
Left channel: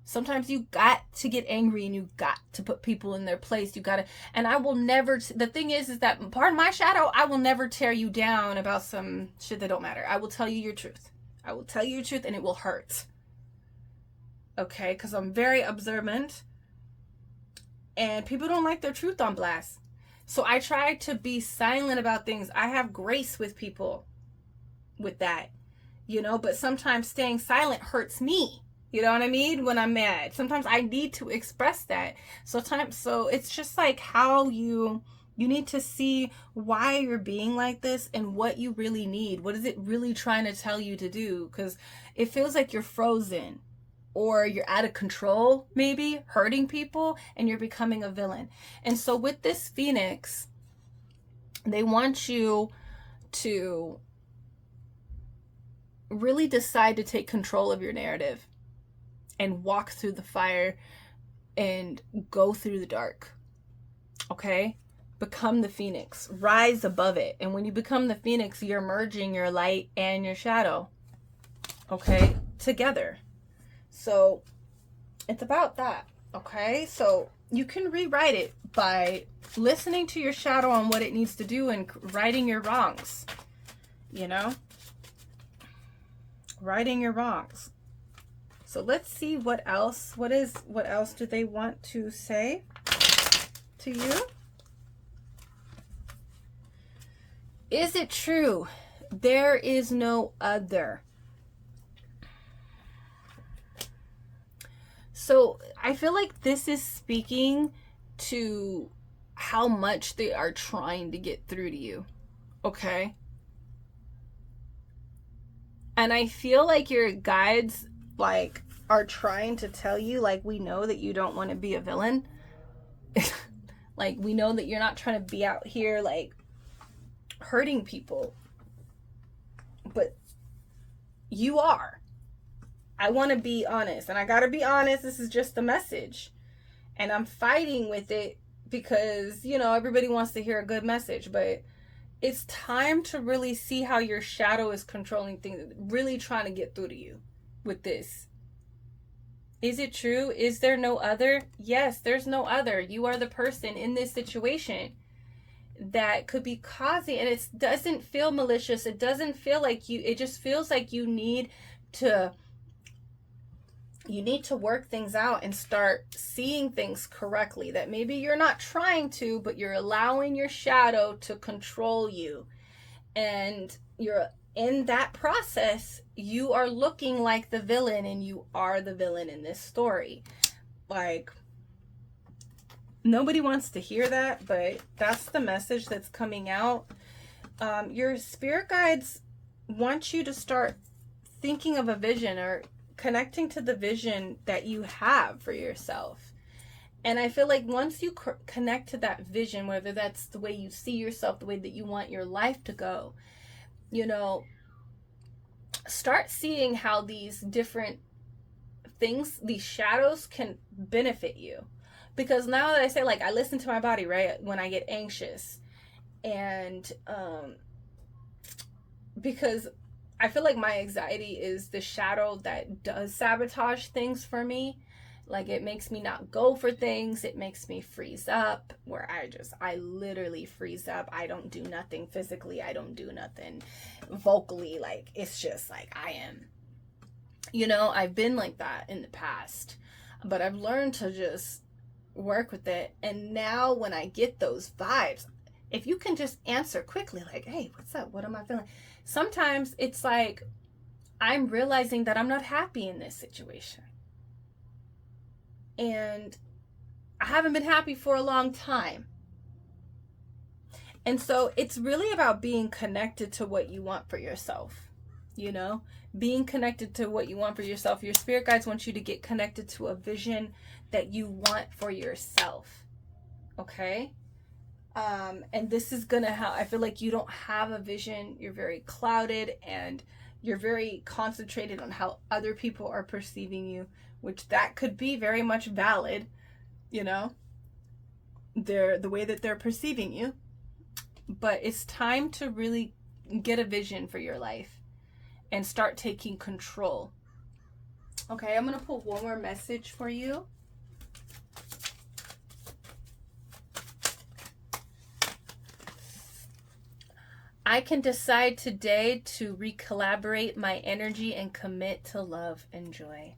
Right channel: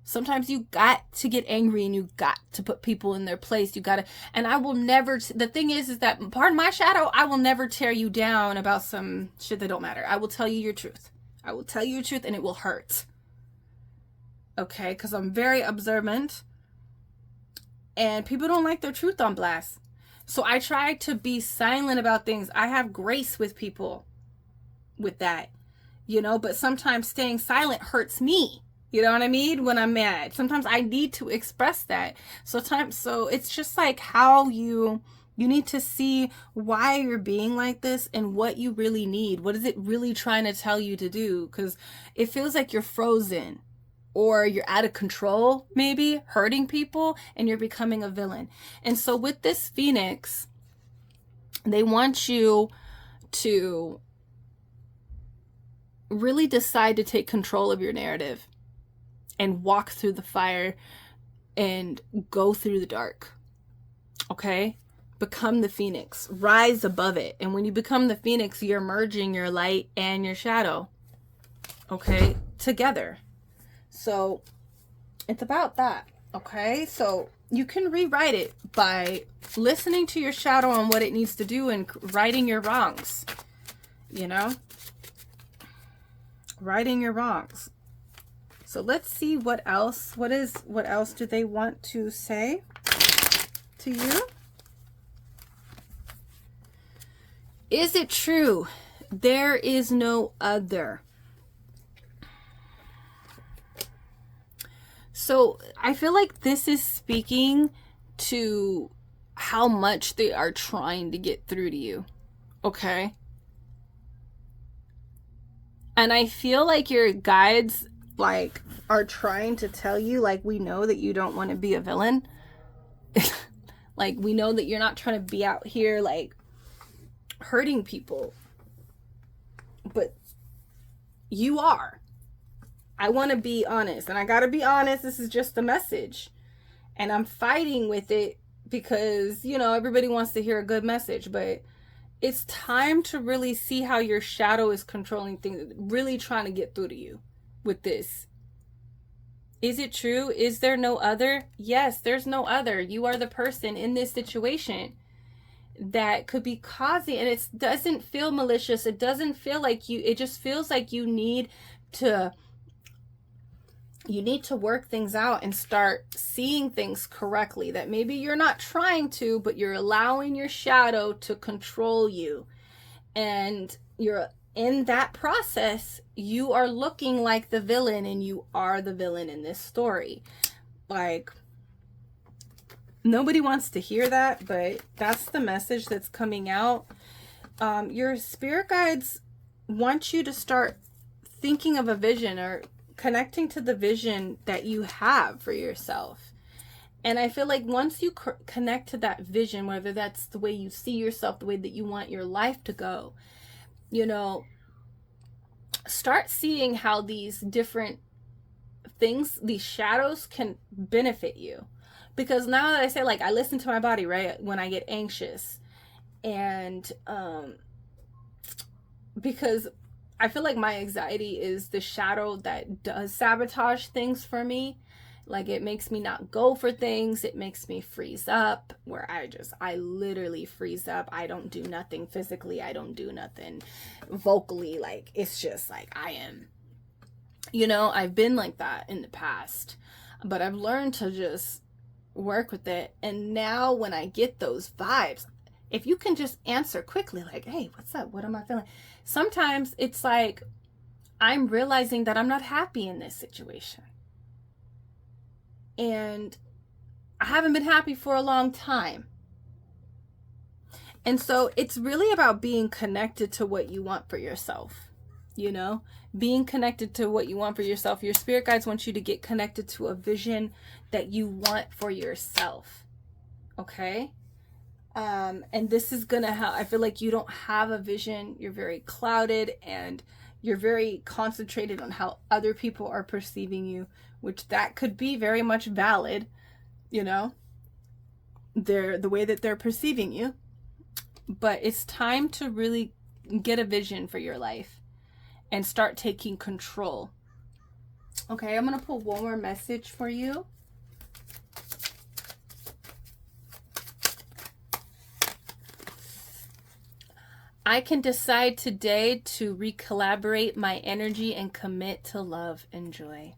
Sometimes you got to get angry and you got to put people in their place. You got to, and I will never, the thing is that part of my shadow, I will never tear you down about some shit that don't matter. I will tell you your truth. I will tell you your truth, and it will hurt. Okay? Because I'm very observant, and people don't like their truth on blast. So I try to be silent about things. I have grace with people with that, you know, but sometimes staying silent hurts me. You know what I mean? When I'm mad, sometimes I need to express that. So it's just like how you need to see why you're being like this and what you really need. What is it really trying to tell you to do? Because it feels like you're frozen, or you're out of control, maybe hurting people, and you're becoming a villain. And so with this Phoenix, They want you to really decide to take control of your narrative and walk through the fire and go through the dark. Okay? Become the phoenix. Rise above it. And when you become the phoenix, you're merging your light and your shadow. Okay? Together. So it's about that. Okay? So you can rewrite it by listening to your shadow on what it needs to do and righting your wrongs. You know? Righting your wrongs. So let's see what else. What else do they want to say to you? Is it true? There is no other. So I feel like this is speaking to how much they are trying to get through to you. Okay? And I feel like your guides like are trying to tell you, like, we know that you don't want to be a villain. Like, we know that you're not trying to be out here like hurting people, but you are. I want to be honest, and I gotta be honest, this is just a message, and I'm fighting with it because, you know, everybody wants to hear a good message, but it's time to really see how your shadow is controlling things, really trying to get through to you with this. Is it true? Is there no other? Yes, there's no other. You are the person in this situation that could be causing, and it doesn't feel malicious. It doesn't feel like you, it just feels like you need to work things out and start seeing things correctly, that maybe you're not trying to, but you're allowing your shadow to control you. And you're in that process, you are looking like the villain, and you are the villain in this story. Like, nobody wants to hear that, but that's the message that's coming out. Your spirit guides want you to start thinking of a vision, or connecting to the vision that you have for yourself. And I feel like once you connect to that vision, whether that's the way you see yourself, the way that you want your life to go, you know, start seeing how these different things, these shadows, can benefit you. Because now that I say, like, I listen to my body, right, when I get anxious, and because I feel like my anxiety is the shadow that does sabotage things for me. Like, it makes me not go for things. It makes me freeze up, where I literally freeze up. I don't do nothing physically. I don't do nothing vocally. Like, it's just like I am. You know, I've been like that in the past, but I've learned to just work with it. And now when I get those vibes, if you can just answer quickly, like, hey, what's up? What am I feeling? Sometimes it's like I'm realizing that I'm not happy in this situation. And I haven't been happy for a long time. And so it's really about being connected to what you want for yourself, you know, being connected to what you want for yourself. Your spirit guides want you to get connected to a vision that you want for yourself. Okay? And this is gonna help. I feel like you don't have a vision. You're very clouded, and you're very concentrated on how other people are perceiving you, which that could be very much valid, you know, the way that they're perceiving you. But it's time to really get a vision for your life and start taking control. Okay, I'm gonna pull one more message for you. I can decide today to recalibrate my energy and commit to love and joy.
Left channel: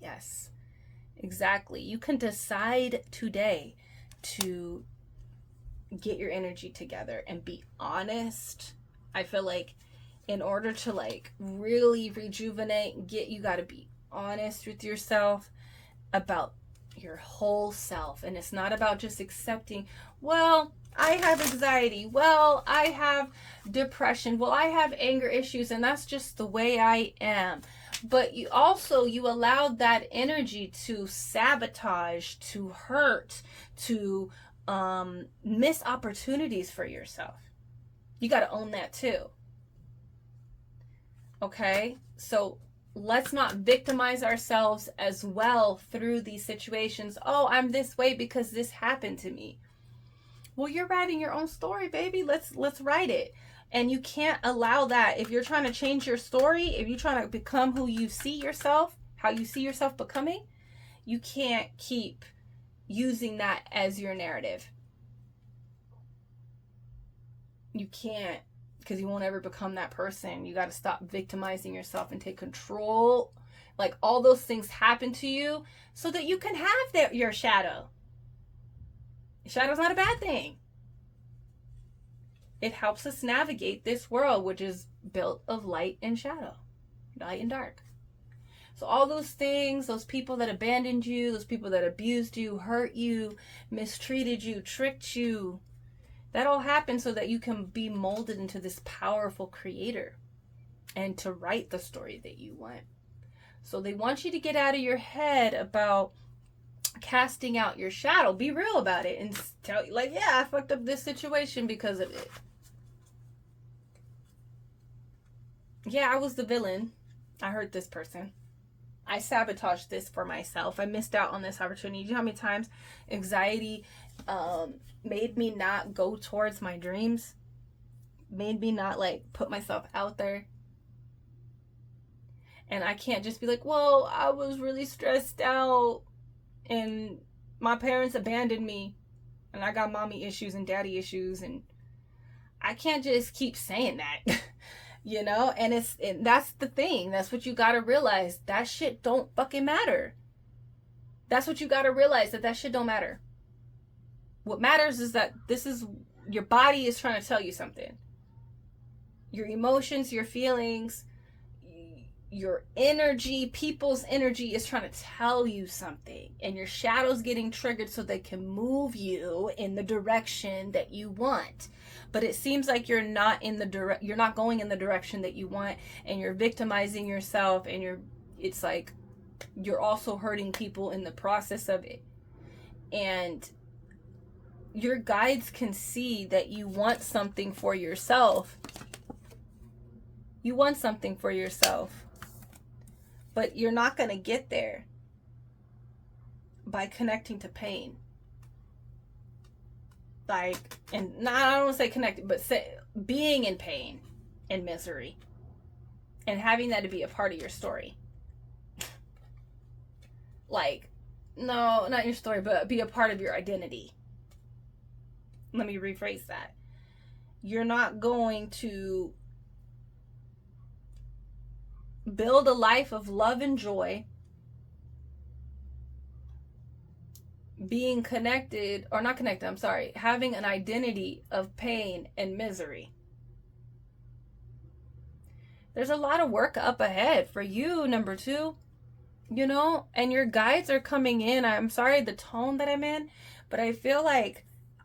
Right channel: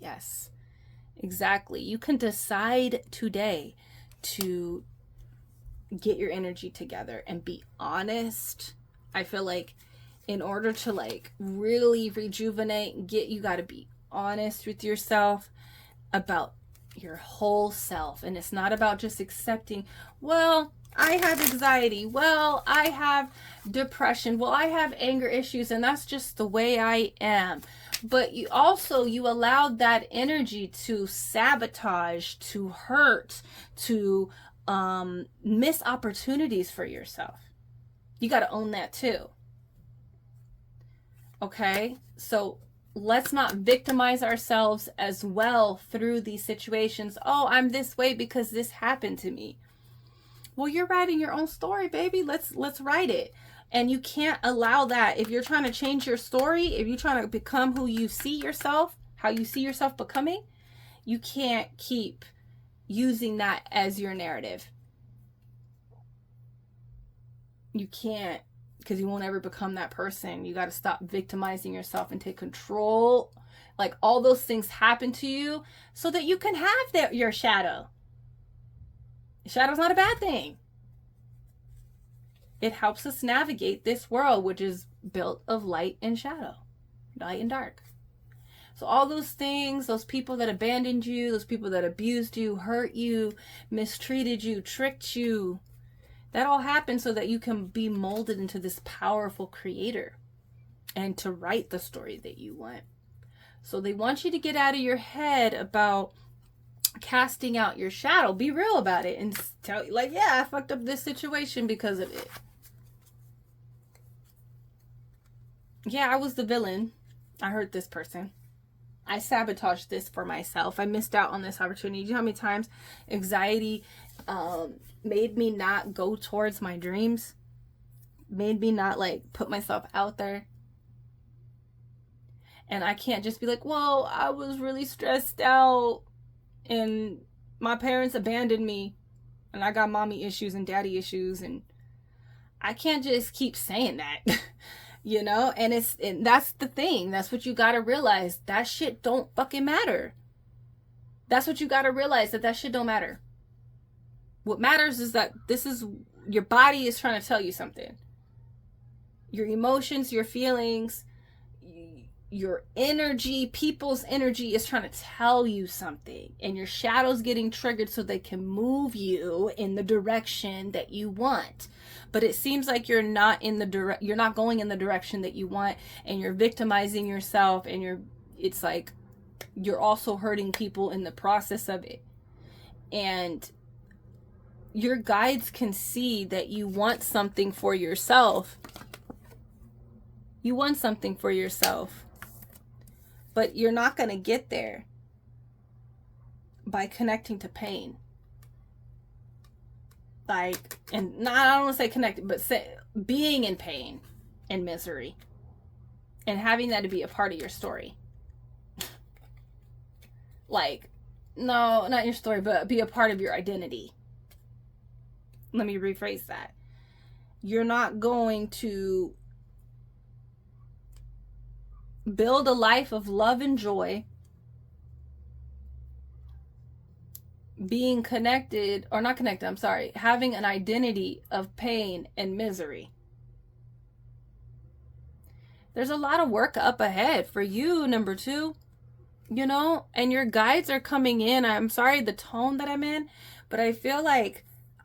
Yes, exactly. You can decide today to get your energy together and be honest. I feel like in order to like really rejuvenate, you got to be honest with yourself about your whole self. And it's not about just accepting, well, I have anxiety, well, I have depression, well, I have anger issues, and that's just the way I am. But you allowed that energy to sabotage, to hurt, to miss opportunities for yourself. You got to own that too. Okay? So let's not victimize ourselves as well through these situations. Oh, I'm this way because this happened to me. Well, you're writing your own story, baby. Let's write it. And you can't allow that. If you're trying to change your story, if you're trying to become who you see yourself, how you see yourself becoming, you can't keep using that as your narrative. You can't, because you won't ever become that person. You got to stop victimizing yourself and take control. Like, all those things happen to you so that you can have your shadow. Shadow's not a bad thing. It helps us navigate this world, which is built of light and shadow, light and dark. So all those things, those people that abandoned you, those people that abused you, hurt you, mistreated you, tricked you, that all happened so that you can be molded into this powerful creator and to write the story that you want. So they want you to get out of your head about casting out your shadow. Be real about it and tell you, like, yeah, I fucked up this situation because of it. Yeah, I was the villain. I hurt this person. I sabotaged this for myself. I missed out on this opportunity. Do you know how many times anxiety made me not go towards my dreams? Made me not, like, put myself out there? And I can't just be like, well, I was really stressed out and my parents abandoned me and I got mommy issues and daddy issues, and I can't just keep saying that. You know, and that's the thing. That's what you got to realize. That shit don't fucking matter. That's what you got to realize, that shit don't matter. What matters is that this is, your body is trying to tell you something. Your emotions, your feelings, your energy, people's energy is trying to tell you something, and your shadow's getting triggered so they can move you in the direction that you want. But it seems like you're not going in the direction that you want, and you're victimizing yourself, and it's like you're also hurting people in the process of it. And your guides can see that you want something for yourself. You want something for yourself. But you're not going to get there by connecting to pain. Like, and I don't want to say connected, but being in pain and misery and having that to be a part of your story. Like, no, not your story, but be a part of your identity. Let me rephrase that. You're not going to build a life of love and joy being connected, or not connected, I'm sorry, having an identity of pain and misery. There's a lot of work up ahead for you, number 2, you know, and your guides are coming in. I'm sorry the tone that I'm in, but I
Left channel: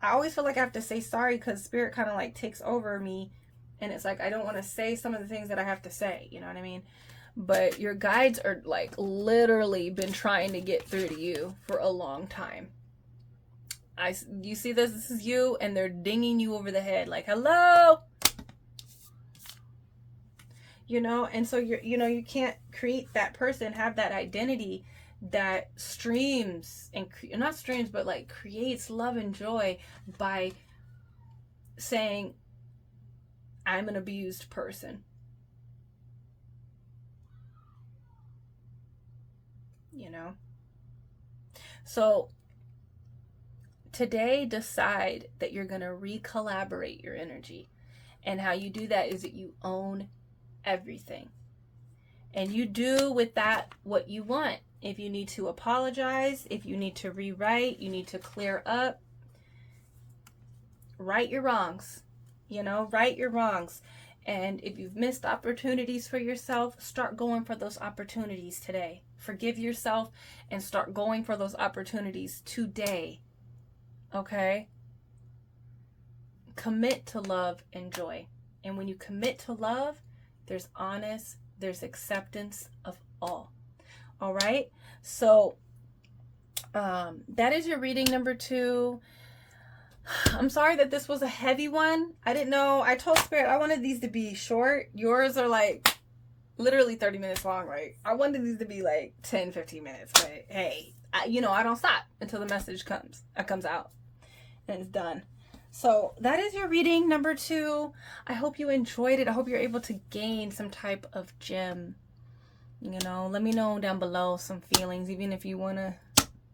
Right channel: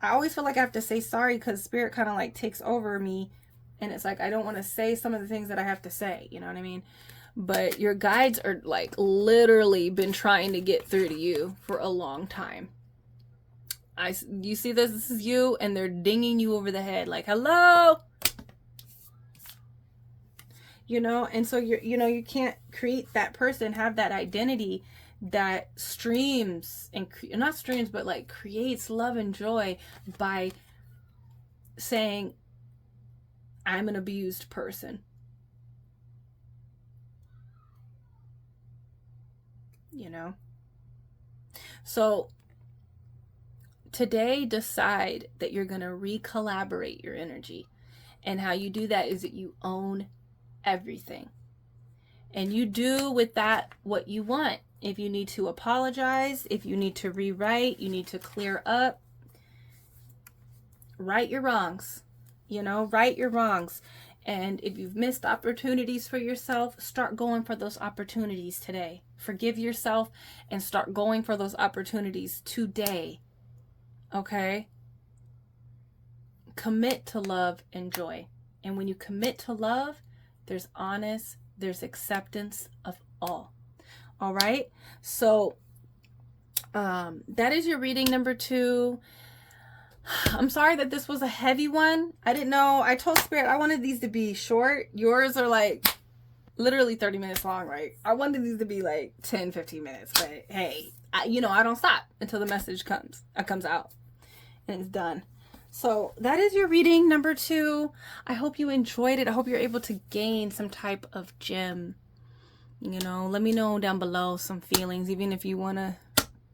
always feel like I have to say sorry because spirit kind of like takes over me, and it's like I don't want to say some of the things that I have to say, you know what I mean? But your guides are like literally been trying to get through to you for a long time. You see this is you, and they're dinging you over the head like, hello, you know. And so you can't create that person, have that identity that streams and not streams, but like creates love and joy by saying, I'm an abused person. You know? So today, decide that you're going to recollaborate your energy. And how you do that is that you own everything. And you do with that what you want. If you need to apologize, if you need to rewrite, you need to clear up, right your wrongs. You know, right your wrongs. And if you've missed opportunities for yourself, start going for those opportunities today. Forgive yourself and start going for those opportunities today. Okay? Commit to love and joy. And when you commit to love, there's acceptance of all. All right? So that is your reading number 2. I'm sorry that this was a heavy one. I didn't know. I told Spirit I wanted these to be short. Yours are like literally 30 minutes long, right? I wanted these to be like 10, 15 minutes. But hey, I don't stop until the message comes out and it's done. So that is your reading number 2. I hope you enjoyed it. I hope you're able to gain some type of gem. Let me know down below some feelings, even if you want to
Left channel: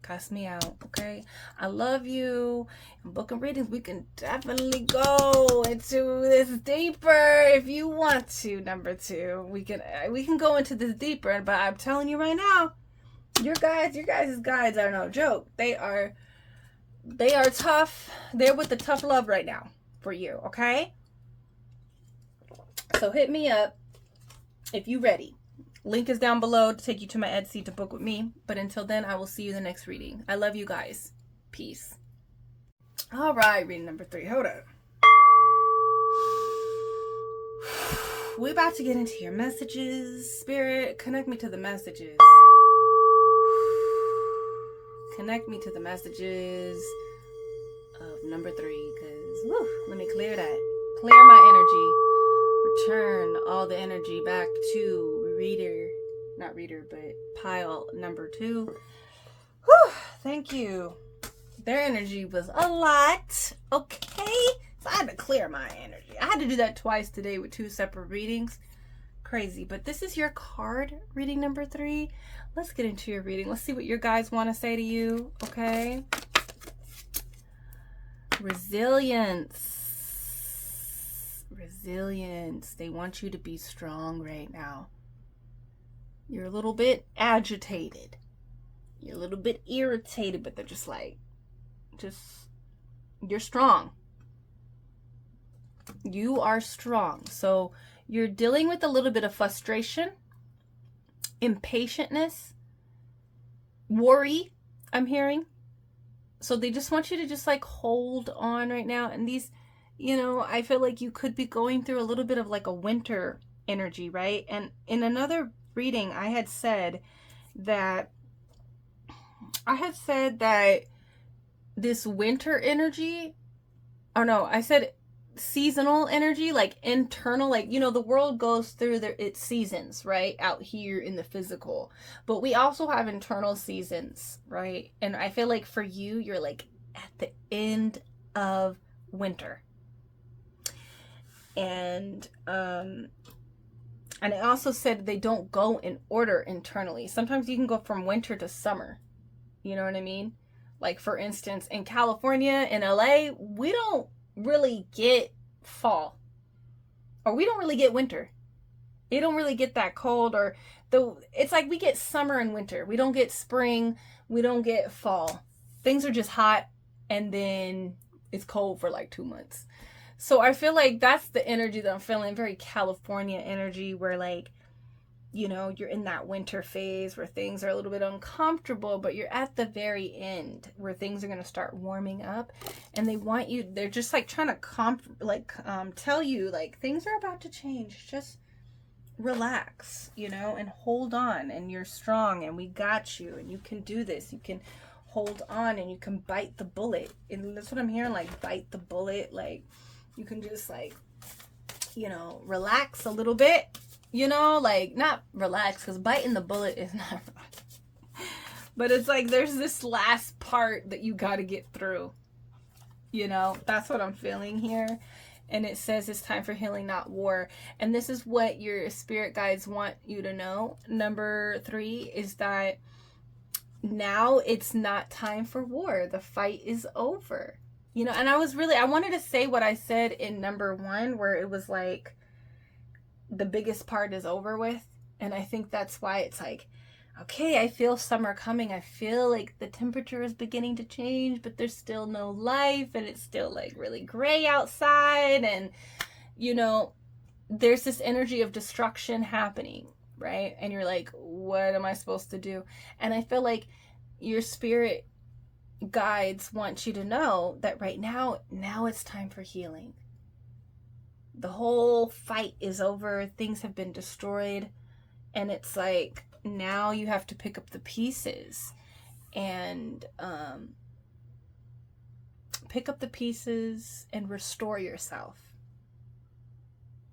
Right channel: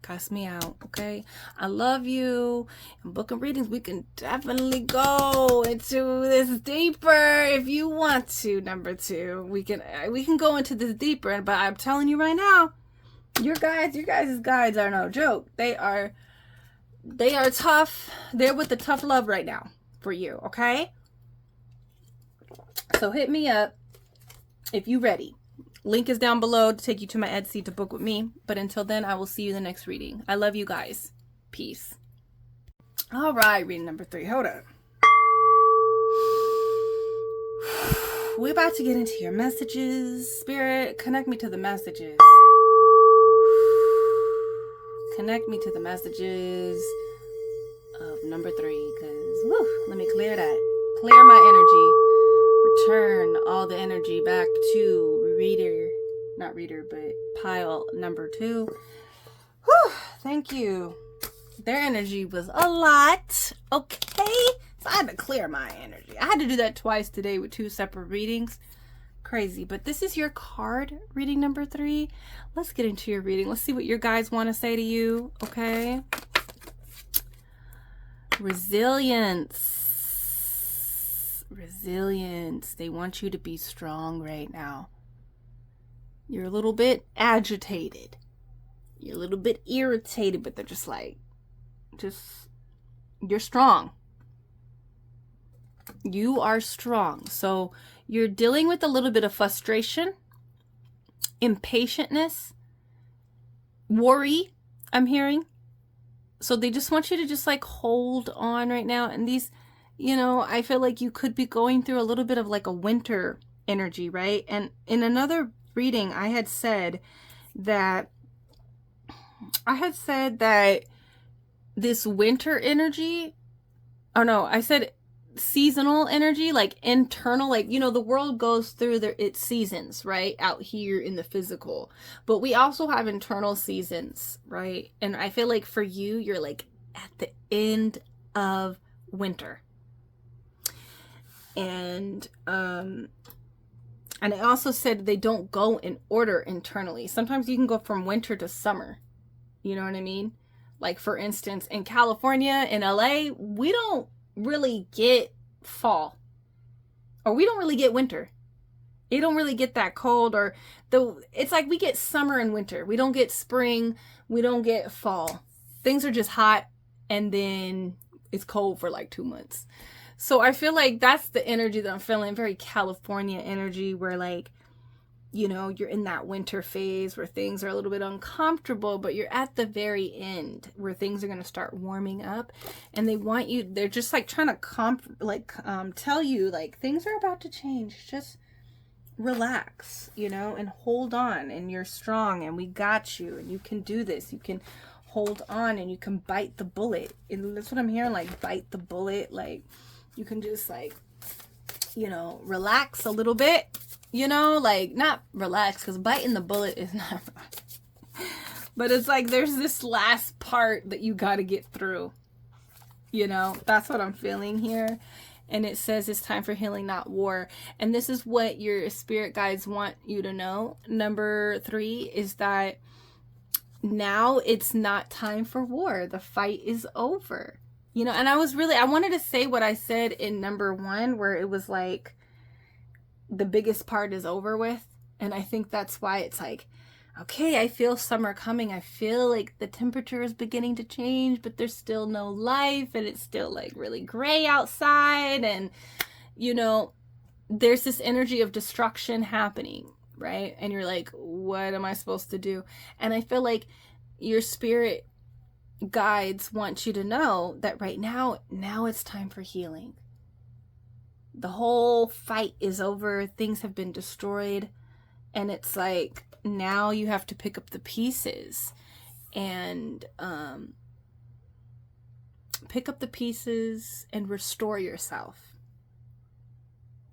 cuss me out, okay? I love you. In book and readings, we can definitely go into this deeper if you want to. Number 2, we can go into this deeper, but I'm telling you right now, your guys' guides are no joke. They are tough. They're with the tough love right now for you, okay? So hit me up if you ready. Link is down below to take you to my Etsy to book with me. But until then, I will see you in the next reading. I love you guys. Peace. All right, reading number 3. Hold up. We're about to get into your messages. Spirit, connect me to the messages. Connect me to the messages of number 3. Because, let me clear that. Clear my energy. Return all the energy back to pile number 2. Whew, thank you. Their energy was a lot. Okay. So I had to clear my energy. I had to do that twice today with 2 separate readings. Crazy. But this is your card reading number 3. Let's get into your reading. Let's see what your guys want to say to you. Okay. Resilience. They want you to be strong right now. You're a little bit agitated. You're a little bit irritated, but they're just like, you're strong. You are strong. So you're dealing with a little bit of frustration, impatientness, worry, I'm hearing. So they just want you to just like hold on right now. And these, I feel like you could be going through a little bit of like a winter energy, right? And in another reading, I had said that this winter energy, I said seasonal energy, like internal, like, the world goes through its seasons, right? Out here in the physical, but we also have internal seasons, right? And I feel like for you, you're like at the end of winter. And I also said they don't go in order internally. Sometimes you can go from winter to summer. You know what I mean? Like, for instance, in California, in LA, we don't really get fall. Or we don't really get winter. It don't really get that cold. It's like we get summer and winter. We don't get spring. We don't get fall. Things are just hot, and then it's cold for like 2 months. So I feel like that's the energy that I'm feeling, very California energy, where like, you're in that winter phase where things are a little bit uncomfortable, but you're at the very end where things are going to start warming up, and they're just like trying to tell you like things are about to change. Just relax, and hold on, and you're strong, and we got you, and you can do this. You can hold on, and you can bite the bullet. And that's what I'm hearing, like bite the bullet. Like, you can just like, relax a little bit, like not relax, because biting the bullet is not, but it's like there's this last part that you got to get through, that's what I'm feeling here. And it says it's time for healing, not war. And this is what your spirit guides want you to know. Number 3 is that now it's not time for war. The fight is over. And I wanted to say what I said in number 1, where it was like the biggest part is over with. And I think that's why it's like, okay, I feel summer coming. I feel like the temperature is beginning to change, but there's still no life, and it's still like really gray outside. And, there's this energy of destruction happening, right? And you're like, what am I supposed to do? And I feel like your spirit guides want you to know that right now it's time for healing. The whole fight is over. Things have been destroyed, and it's like now you have to pick up the pieces and pick up the pieces and restore yourself.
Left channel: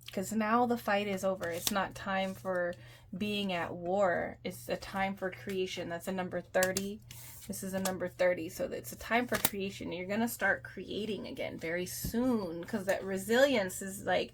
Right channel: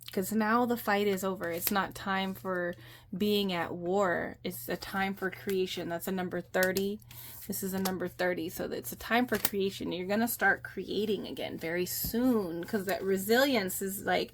Because now the fight is over. It's not time for being at war. It's a time for creation. That's a number 30. This is a number 30. So it's a time for creation. You're going to start creating again very soon, because that resilience is like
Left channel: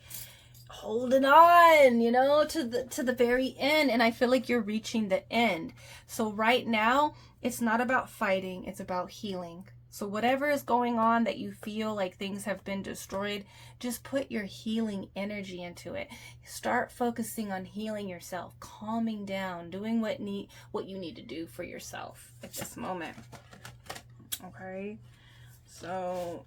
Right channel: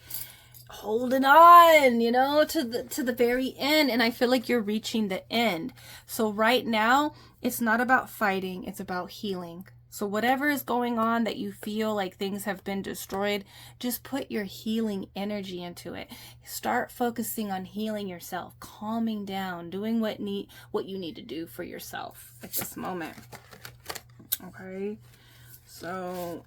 holding on, you know, to the very end. And I feel like you're reaching the end. So right now, it's not about fighting. It's about healing. So whatever is going on that you feel like things have been destroyed, just put your healing energy into it. Start focusing on healing yourself, calming down, doing what you need to do for yourself at this moment. Okay, so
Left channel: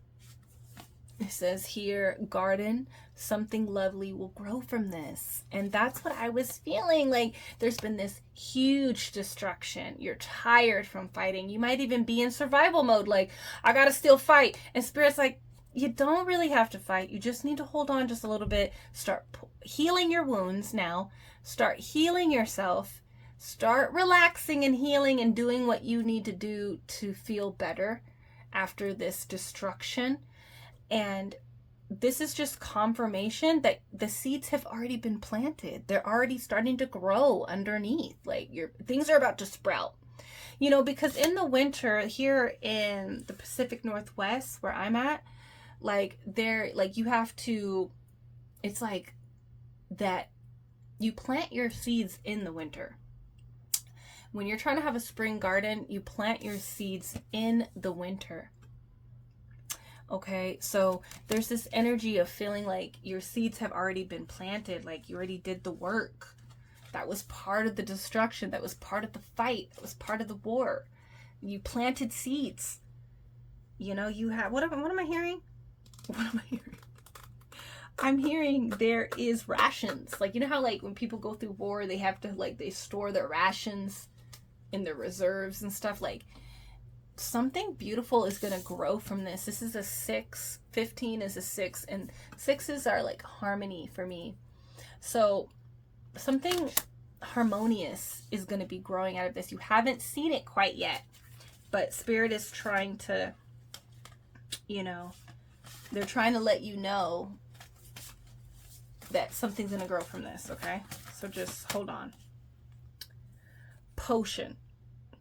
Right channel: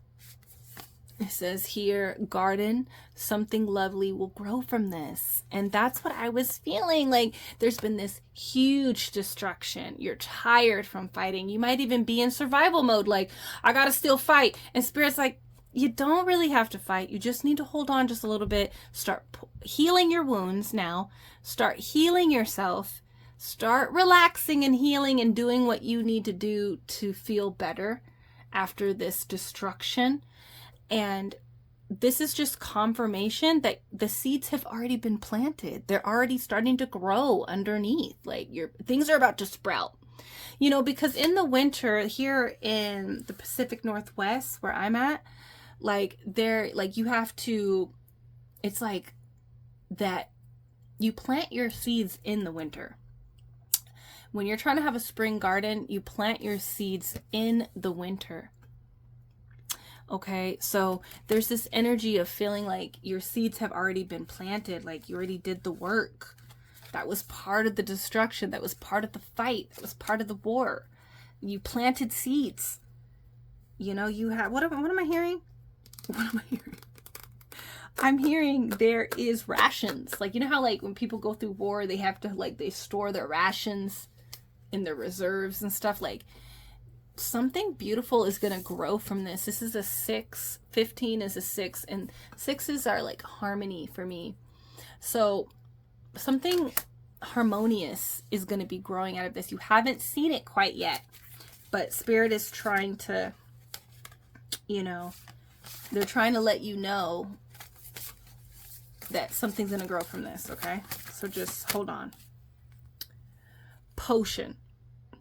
it says here, garden, something lovely will grow from this. And that's what I was feeling. Like there's been this huge destruction. You're tired from fighting. You might even be in survival mode. Like, I gotta still fight. And Spirit's like, you don't really have to fight. You just need to hold on just a little bit. Start healing your wounds now. Start healing yourself. Start relaxing and healing and doing what you need to do to feel better after this destruction. And this is just confirmation that the seeds have already been planted. They're already starting to grow underneath. Like things are about to sprout. You know, because in the winter here in the Pacific Northwest where I'm at, like you have to, it's like that you plant your seeds in the winter. When you're trying to have a spring garden, you plant your seeds in the winter. Okay, so there's this energy of feeling like your seeds have already been planted, like you already did the work. That was part of the destruction. That was part of the fight. That was part of the war. You planted seeds. You know, you have, what am I hearing? What am I hearing? I'm hearing there is rations. Like, you know how like when people go through war, they have to like, they store their rations in their reserves and stuff. Like, something beautiful is going to grow from this. This is a 6. 15 is a 6. And 6s are like harmony for me. So something harmonious is going to be growing out of this. You haven't seen it quite yet. But Spirit is trying to, you know, they're trying to let you know that something's going to grow from this. Okay? So just hold on. Potion.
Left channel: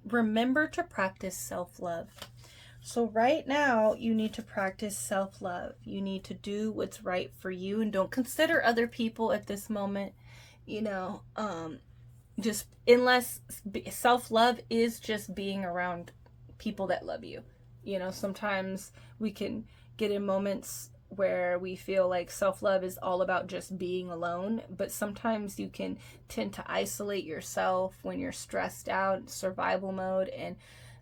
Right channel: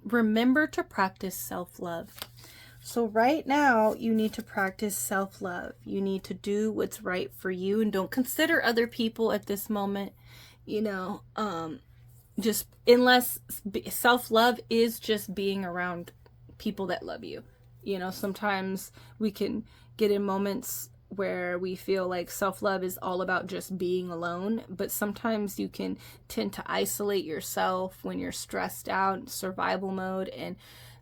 Remember to practice self-love. So right now you need to practice self-love. You need to do what's right for you, and don't consider other people at this moment. You know, just unless self-love is just being around people that love you. You know, sometimes we can get in moments where we feel like self-love is all about just being alone, but sometimes you can tend to isolate yourself when you're stressed out, survival mode, and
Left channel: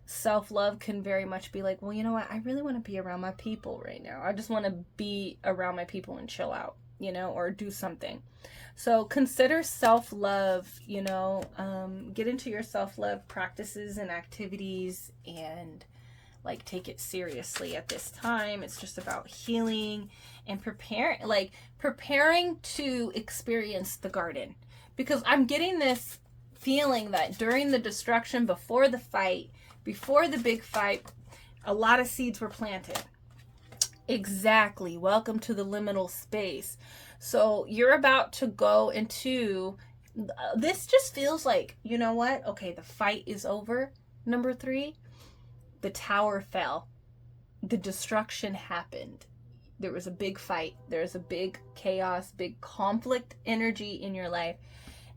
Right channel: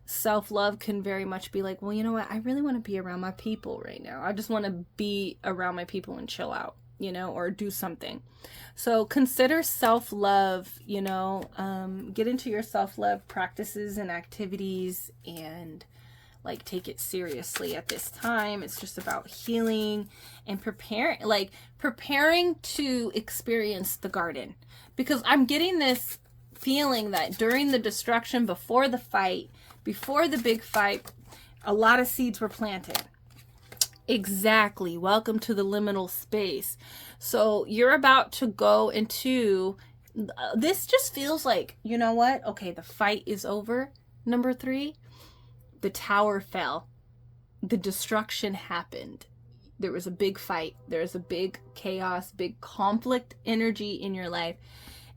self-love can very much be like, well, you know what, I really want to be around my people right now. I just want to be around my people and chill out, you know, or do something. So consider self-love, you know, get into your self-love practices and activities, and like take it seriously at this time. It's just about healing and preparing to experience the garden, because I'm getting this feeling that during the destruction, before the fight, before the big fight, a lot of seeds were planted. Exactly. Welcome to the liminal space. So you're about to go into, this just feels like, you know what? Okay, the fight is over. Number 3. The tower fell. The destruction happened. There was a big fight. There was a big chaos, big conflict energy in your life.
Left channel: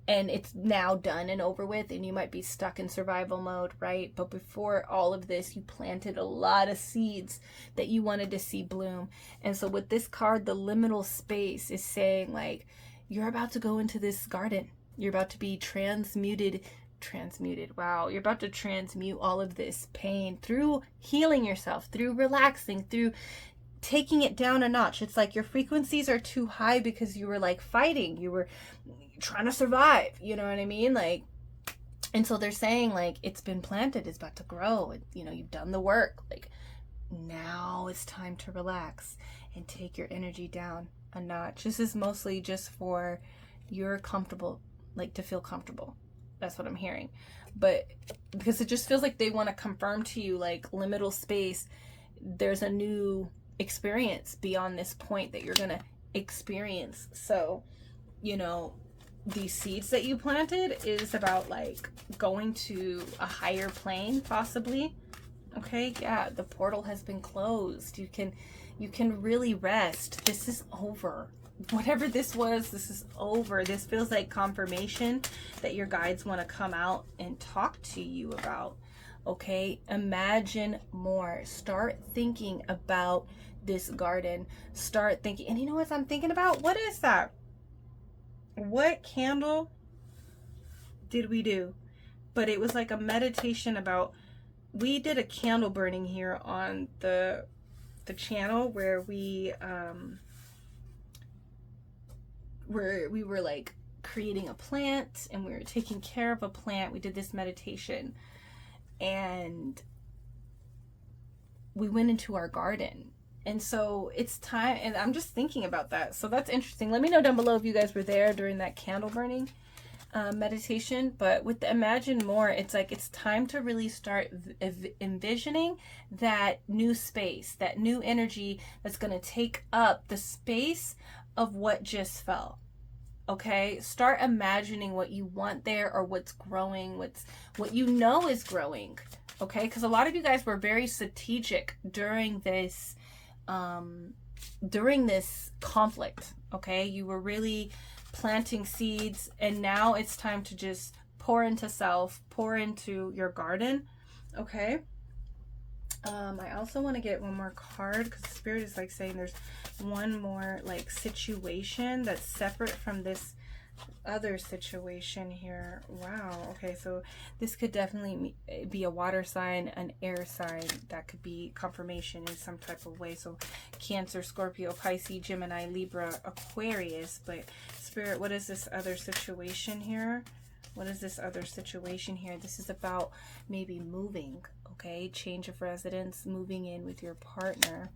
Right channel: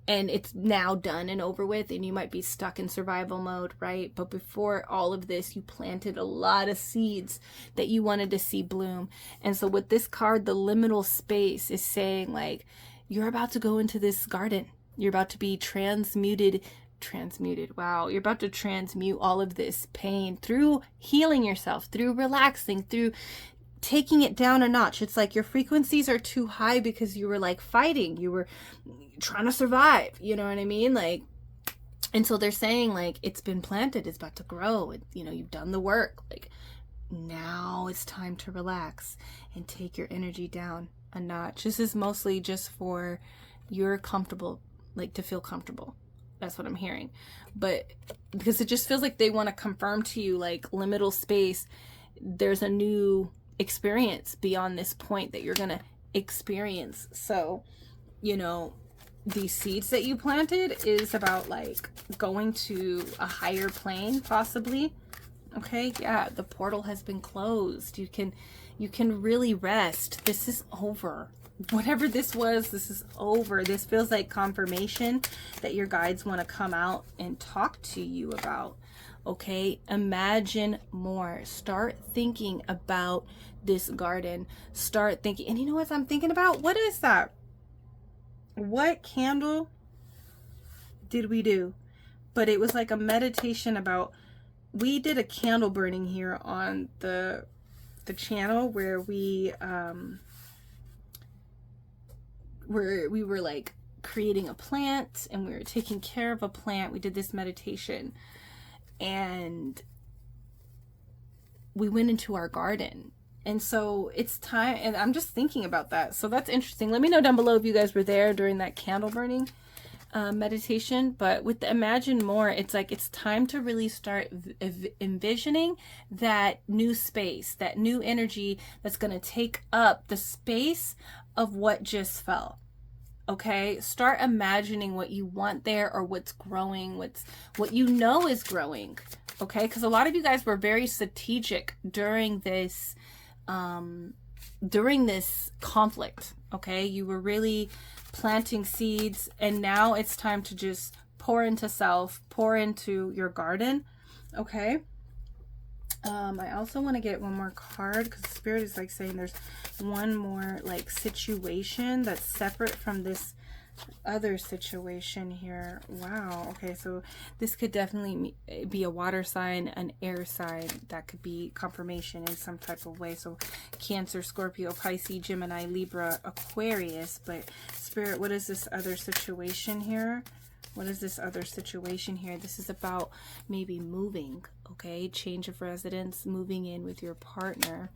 And it's now done and over with. And you might be stuck in survival mode, right? But before all of this, you planted a lot of seeds that you wanted to see bloom. And so with this card, the liminal space is saying like, you're about to go into this garden. You're about to be transmuted. Wow, you're about to transmute all of this pain through healing yourself, through relaxing, through taking it down a notch. It's like your frequencies are too high because you were like fighting, you were trying to survive, you know what I mean? Like, and so they're saying like, it's been planted, it's about to grow, you know, you've done the work. Like, now it's time to relax and take your energy down a notch. This is mostly just for you're comfortable, like to feel comfortable. That's what I'm hearing. But because it just feels like they want to confirm to you, like, liminal space, there's a new experience beyond this point that you're gonna experience. So, you know, these seeds that you planted is about like going to a higher plane, possibly. Okay, yeah, the portal has been closed. You can really rest. This is over. Whatever this was, this is over. This feels like confirmation that your guides want to come out and talk to you about. Okay, imagine more. Start thinking about this garden. Start thinking, and you know what I'm thinking about? What is that? What candle did we do? But it was like a meditation about, we did a candle burning here on the channel where we were like creating a plant and we were taking care of a plant. We did this meditation and we went into our garden. And so it's time, and I'm just thinking about that. So that's interesting. Let me know down below if you guys were there during that candle burning meditation. But with the imagine more, it's like it's time to really start envisioning that new space, that new energy that's going to take up the space of what just fell. Okay, start imagining what you want there, or what's growing, what you know is growing. Okay, because a lot of you guys were very strategic during this conflict. Okay, you were really planting seeds, and now it's time to just pour into self, pour into your garden. Okay, I also want to get one more card because Spirit is like saying there's one more like situation that's separate from this other situation here. Wow. Okay, so this could definitely be a water sign, an air sign. That could be confirmation in some type of way. So Cancer, Scorpio, Pisces, Gemini, Libra, Aquarius. But Spirit, what is this other situation here? What is this other situation here? This is about maybe moving. Okay, change of residence, moving in with your partner.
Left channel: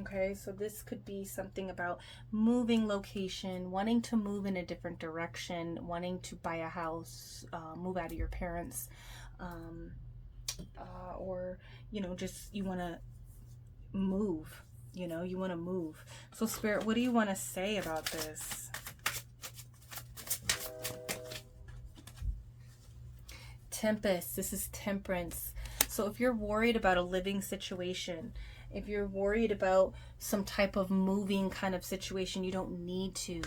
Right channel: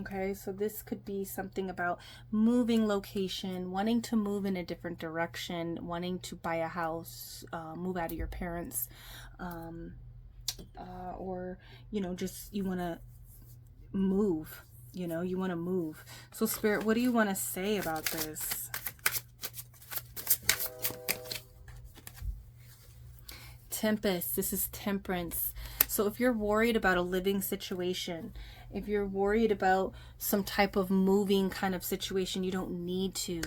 Okay, so this could be something about moving location, wanting to move in a different direction, wanting to buy a house, move out of your parents, or, you know, just you want to move, you know, you want to move. So Spirit, what do you want to say about this? Tempest, this is Temperance. So if you're worried about a living situation, if you're worried about some type of moving kind of situation, you don't need to.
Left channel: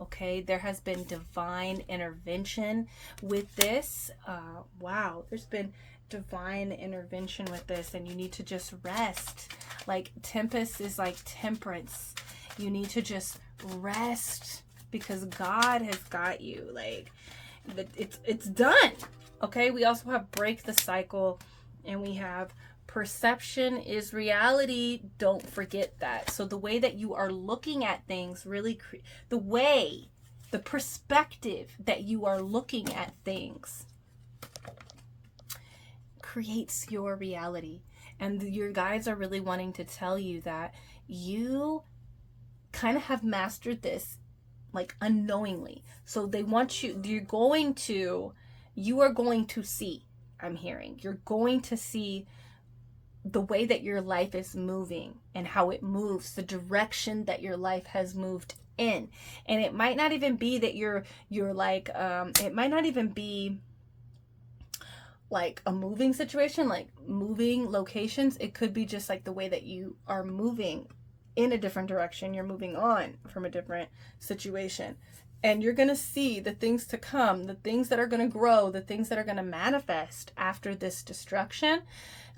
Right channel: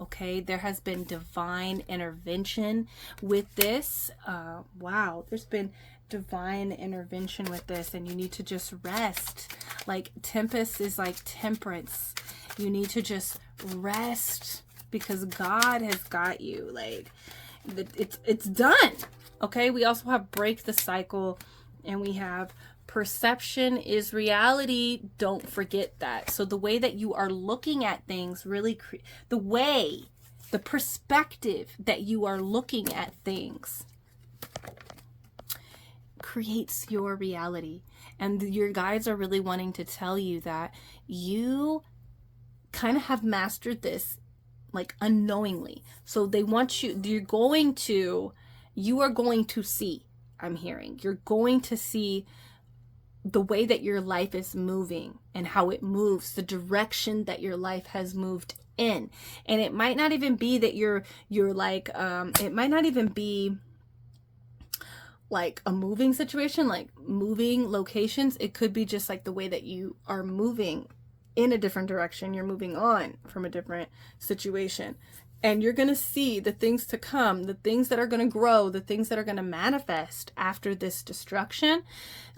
Okay, there has been divine intervention with this. Wow, there's been divine intervention with this, and you need to just rest. Like Tempest is like Temperance. You need to just rest because God has got you. Like it's done. Okay, we also have break the cycle, and we have perception is reality. Don't forget that. So the way that you are looking at things really, the perspective that you are looking at things creates your reality. And your guides are really wanting to tell you that you kind of have mastered this like unknowingly. So they want you, you are going to see, I'm hearing, you're going to see the way that your life is moving and how it moves, the direction that your life has moved in. And it might not even be that you're like, it might not even be like a moving situation, like moving locations. It could be just like the way that you are moving in a different direction. You're moving on from a different situation. And you're going to see the things to come, the things that are going to grow, the things that are going to manifest after this destruction.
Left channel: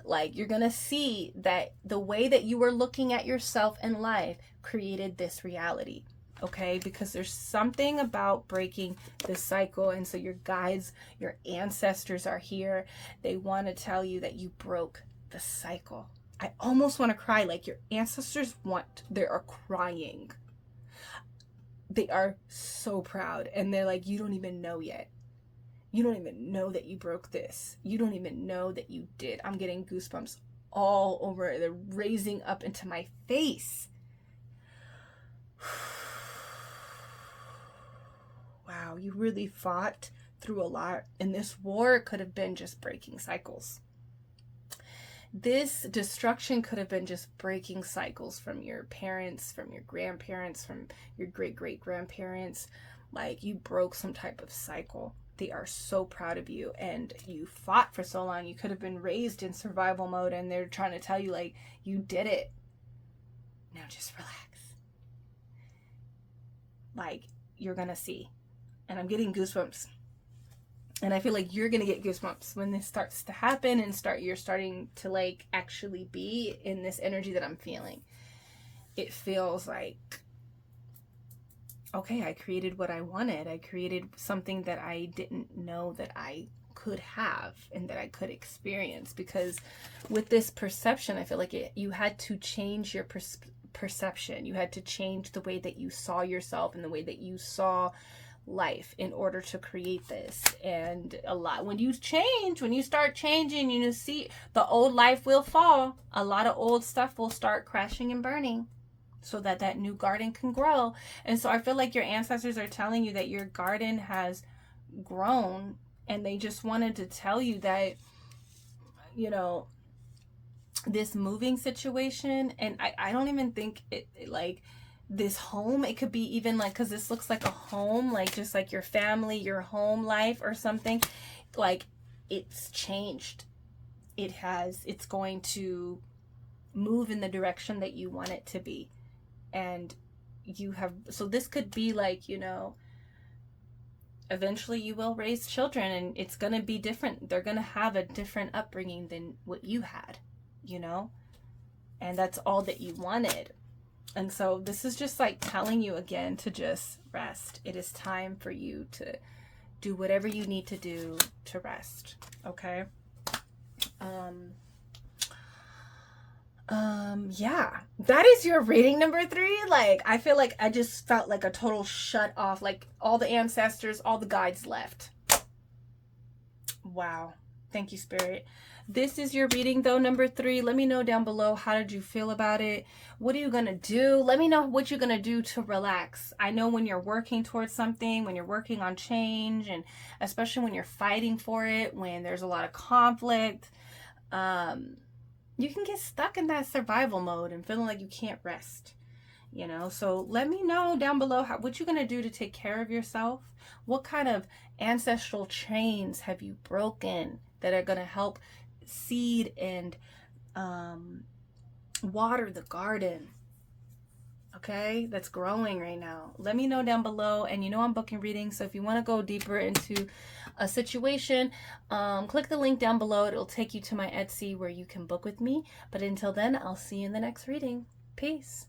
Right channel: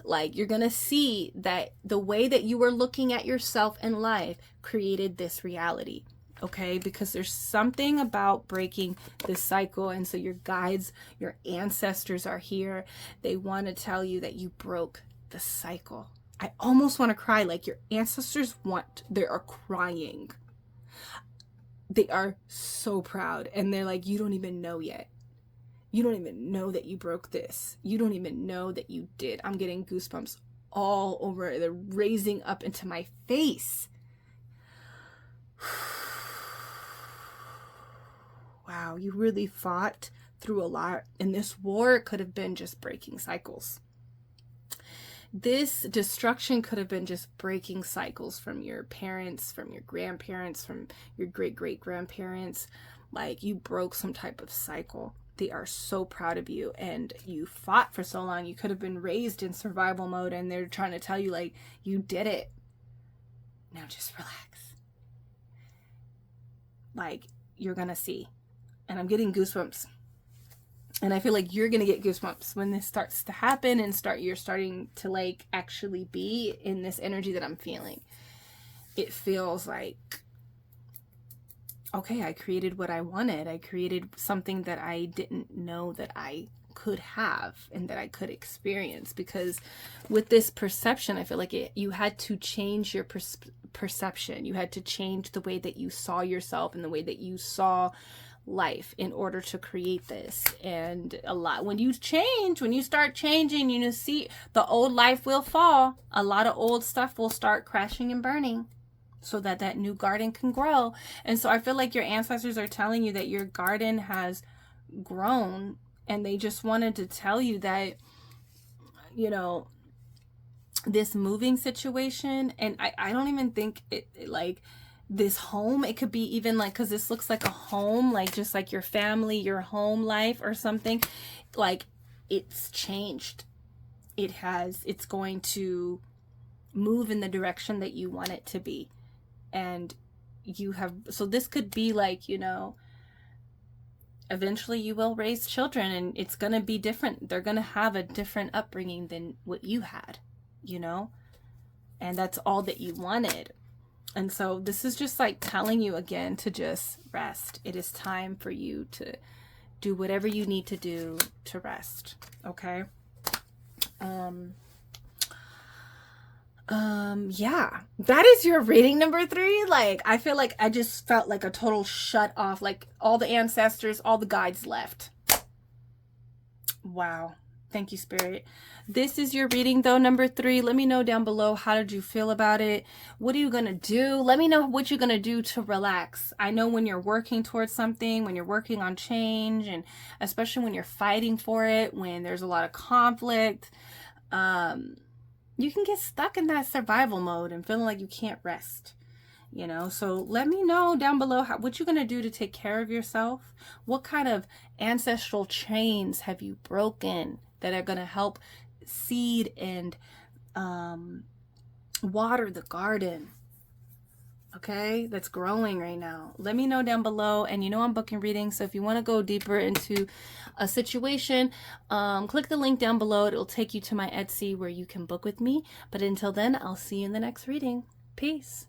Like you're going to see that the way that you were looking at yourself in life created this reality. Okay, because there's something about breaking this cycle. And so your guides, your ancestors are here. They want to tell you that you broke the cycle. I almost want to cry. Like your ancestors they are crying. They are so proud, and they're like, you don't even know yet. You don't even know that you broke this. You don't even know that you did. I'm getting goosebumps all over. They're raising up into my face. Wow, you really fought through a lot. And this war could have been just breaking cycles. this destruction could have been just breaking cycles from your parents, from your grandparents, from your great-great-grandparents. Like, you broke some type of cycle. They are so proud of you, and you fought for so long. You could have been raised in survival mode, and they're trying to tell you, like, you did it. Now just relax. Like, you're gonna see. And I'm getting goosebumps. And I feel like you're gonna get goosebumps when this starts to happen, and you're starting to, like, actually be in this energy that I'm feeling. It feels like, okay, I created what I wanted. I created something that I didn't know that I could have and that I could experience. Because with this perception, I feel like you had to change your perception. You had to change the way that you saw yourself and the way that you saw life in order to create this. And a lot, when you start changing, you see the old life will fall. A lot of old stuff will start crashing and burning so that that new garden can grow. And so I feel like your ancestors are telling you that your garden has grown, and they just wanted to tell you that, you know, this moving situation, and I don't even think it like this home, it could be even like, because this looks like a home, like just like your family, your home life or something, like it's changed. It's going to move in the direction that you want it to be. And so this could be like, you know, eventually you will raise children, and it's going to be different. They're going to have a different upbringing than what you had, you know, and that's all that you wanted. And so this is just like telling you again to just rest. It is time for you to do whatever you need to do to rest. Okay. Yeah, that is your reading number 3. Like, I feel like I just felt like a total shut off, like all the ancestors, all the guides left. Wow. Thank you, Spirit. This is your reading, though, number 3. Let me know down below, how did you feel about it? What are you going to do? Let me know what you're going to do to relax. I know when you're working towards something, when you're working on change, and especially when you're fighting for it, when there's a lot of conflict, you can get stuck in that survival mode and feeling like you can't rest. You know, so let me know down below what you're going to do to take care of yourself. What kind of ancestral chains have you broken that are going to help seed and water the garden, okay, that's growing right now? Let me know down below. And you know I'm booking readings, so if you want to go deeper into a situation, click the link down below. It'll take you to my Etsy where you can book with me. But until then, I'll see you in the next reading. Peace.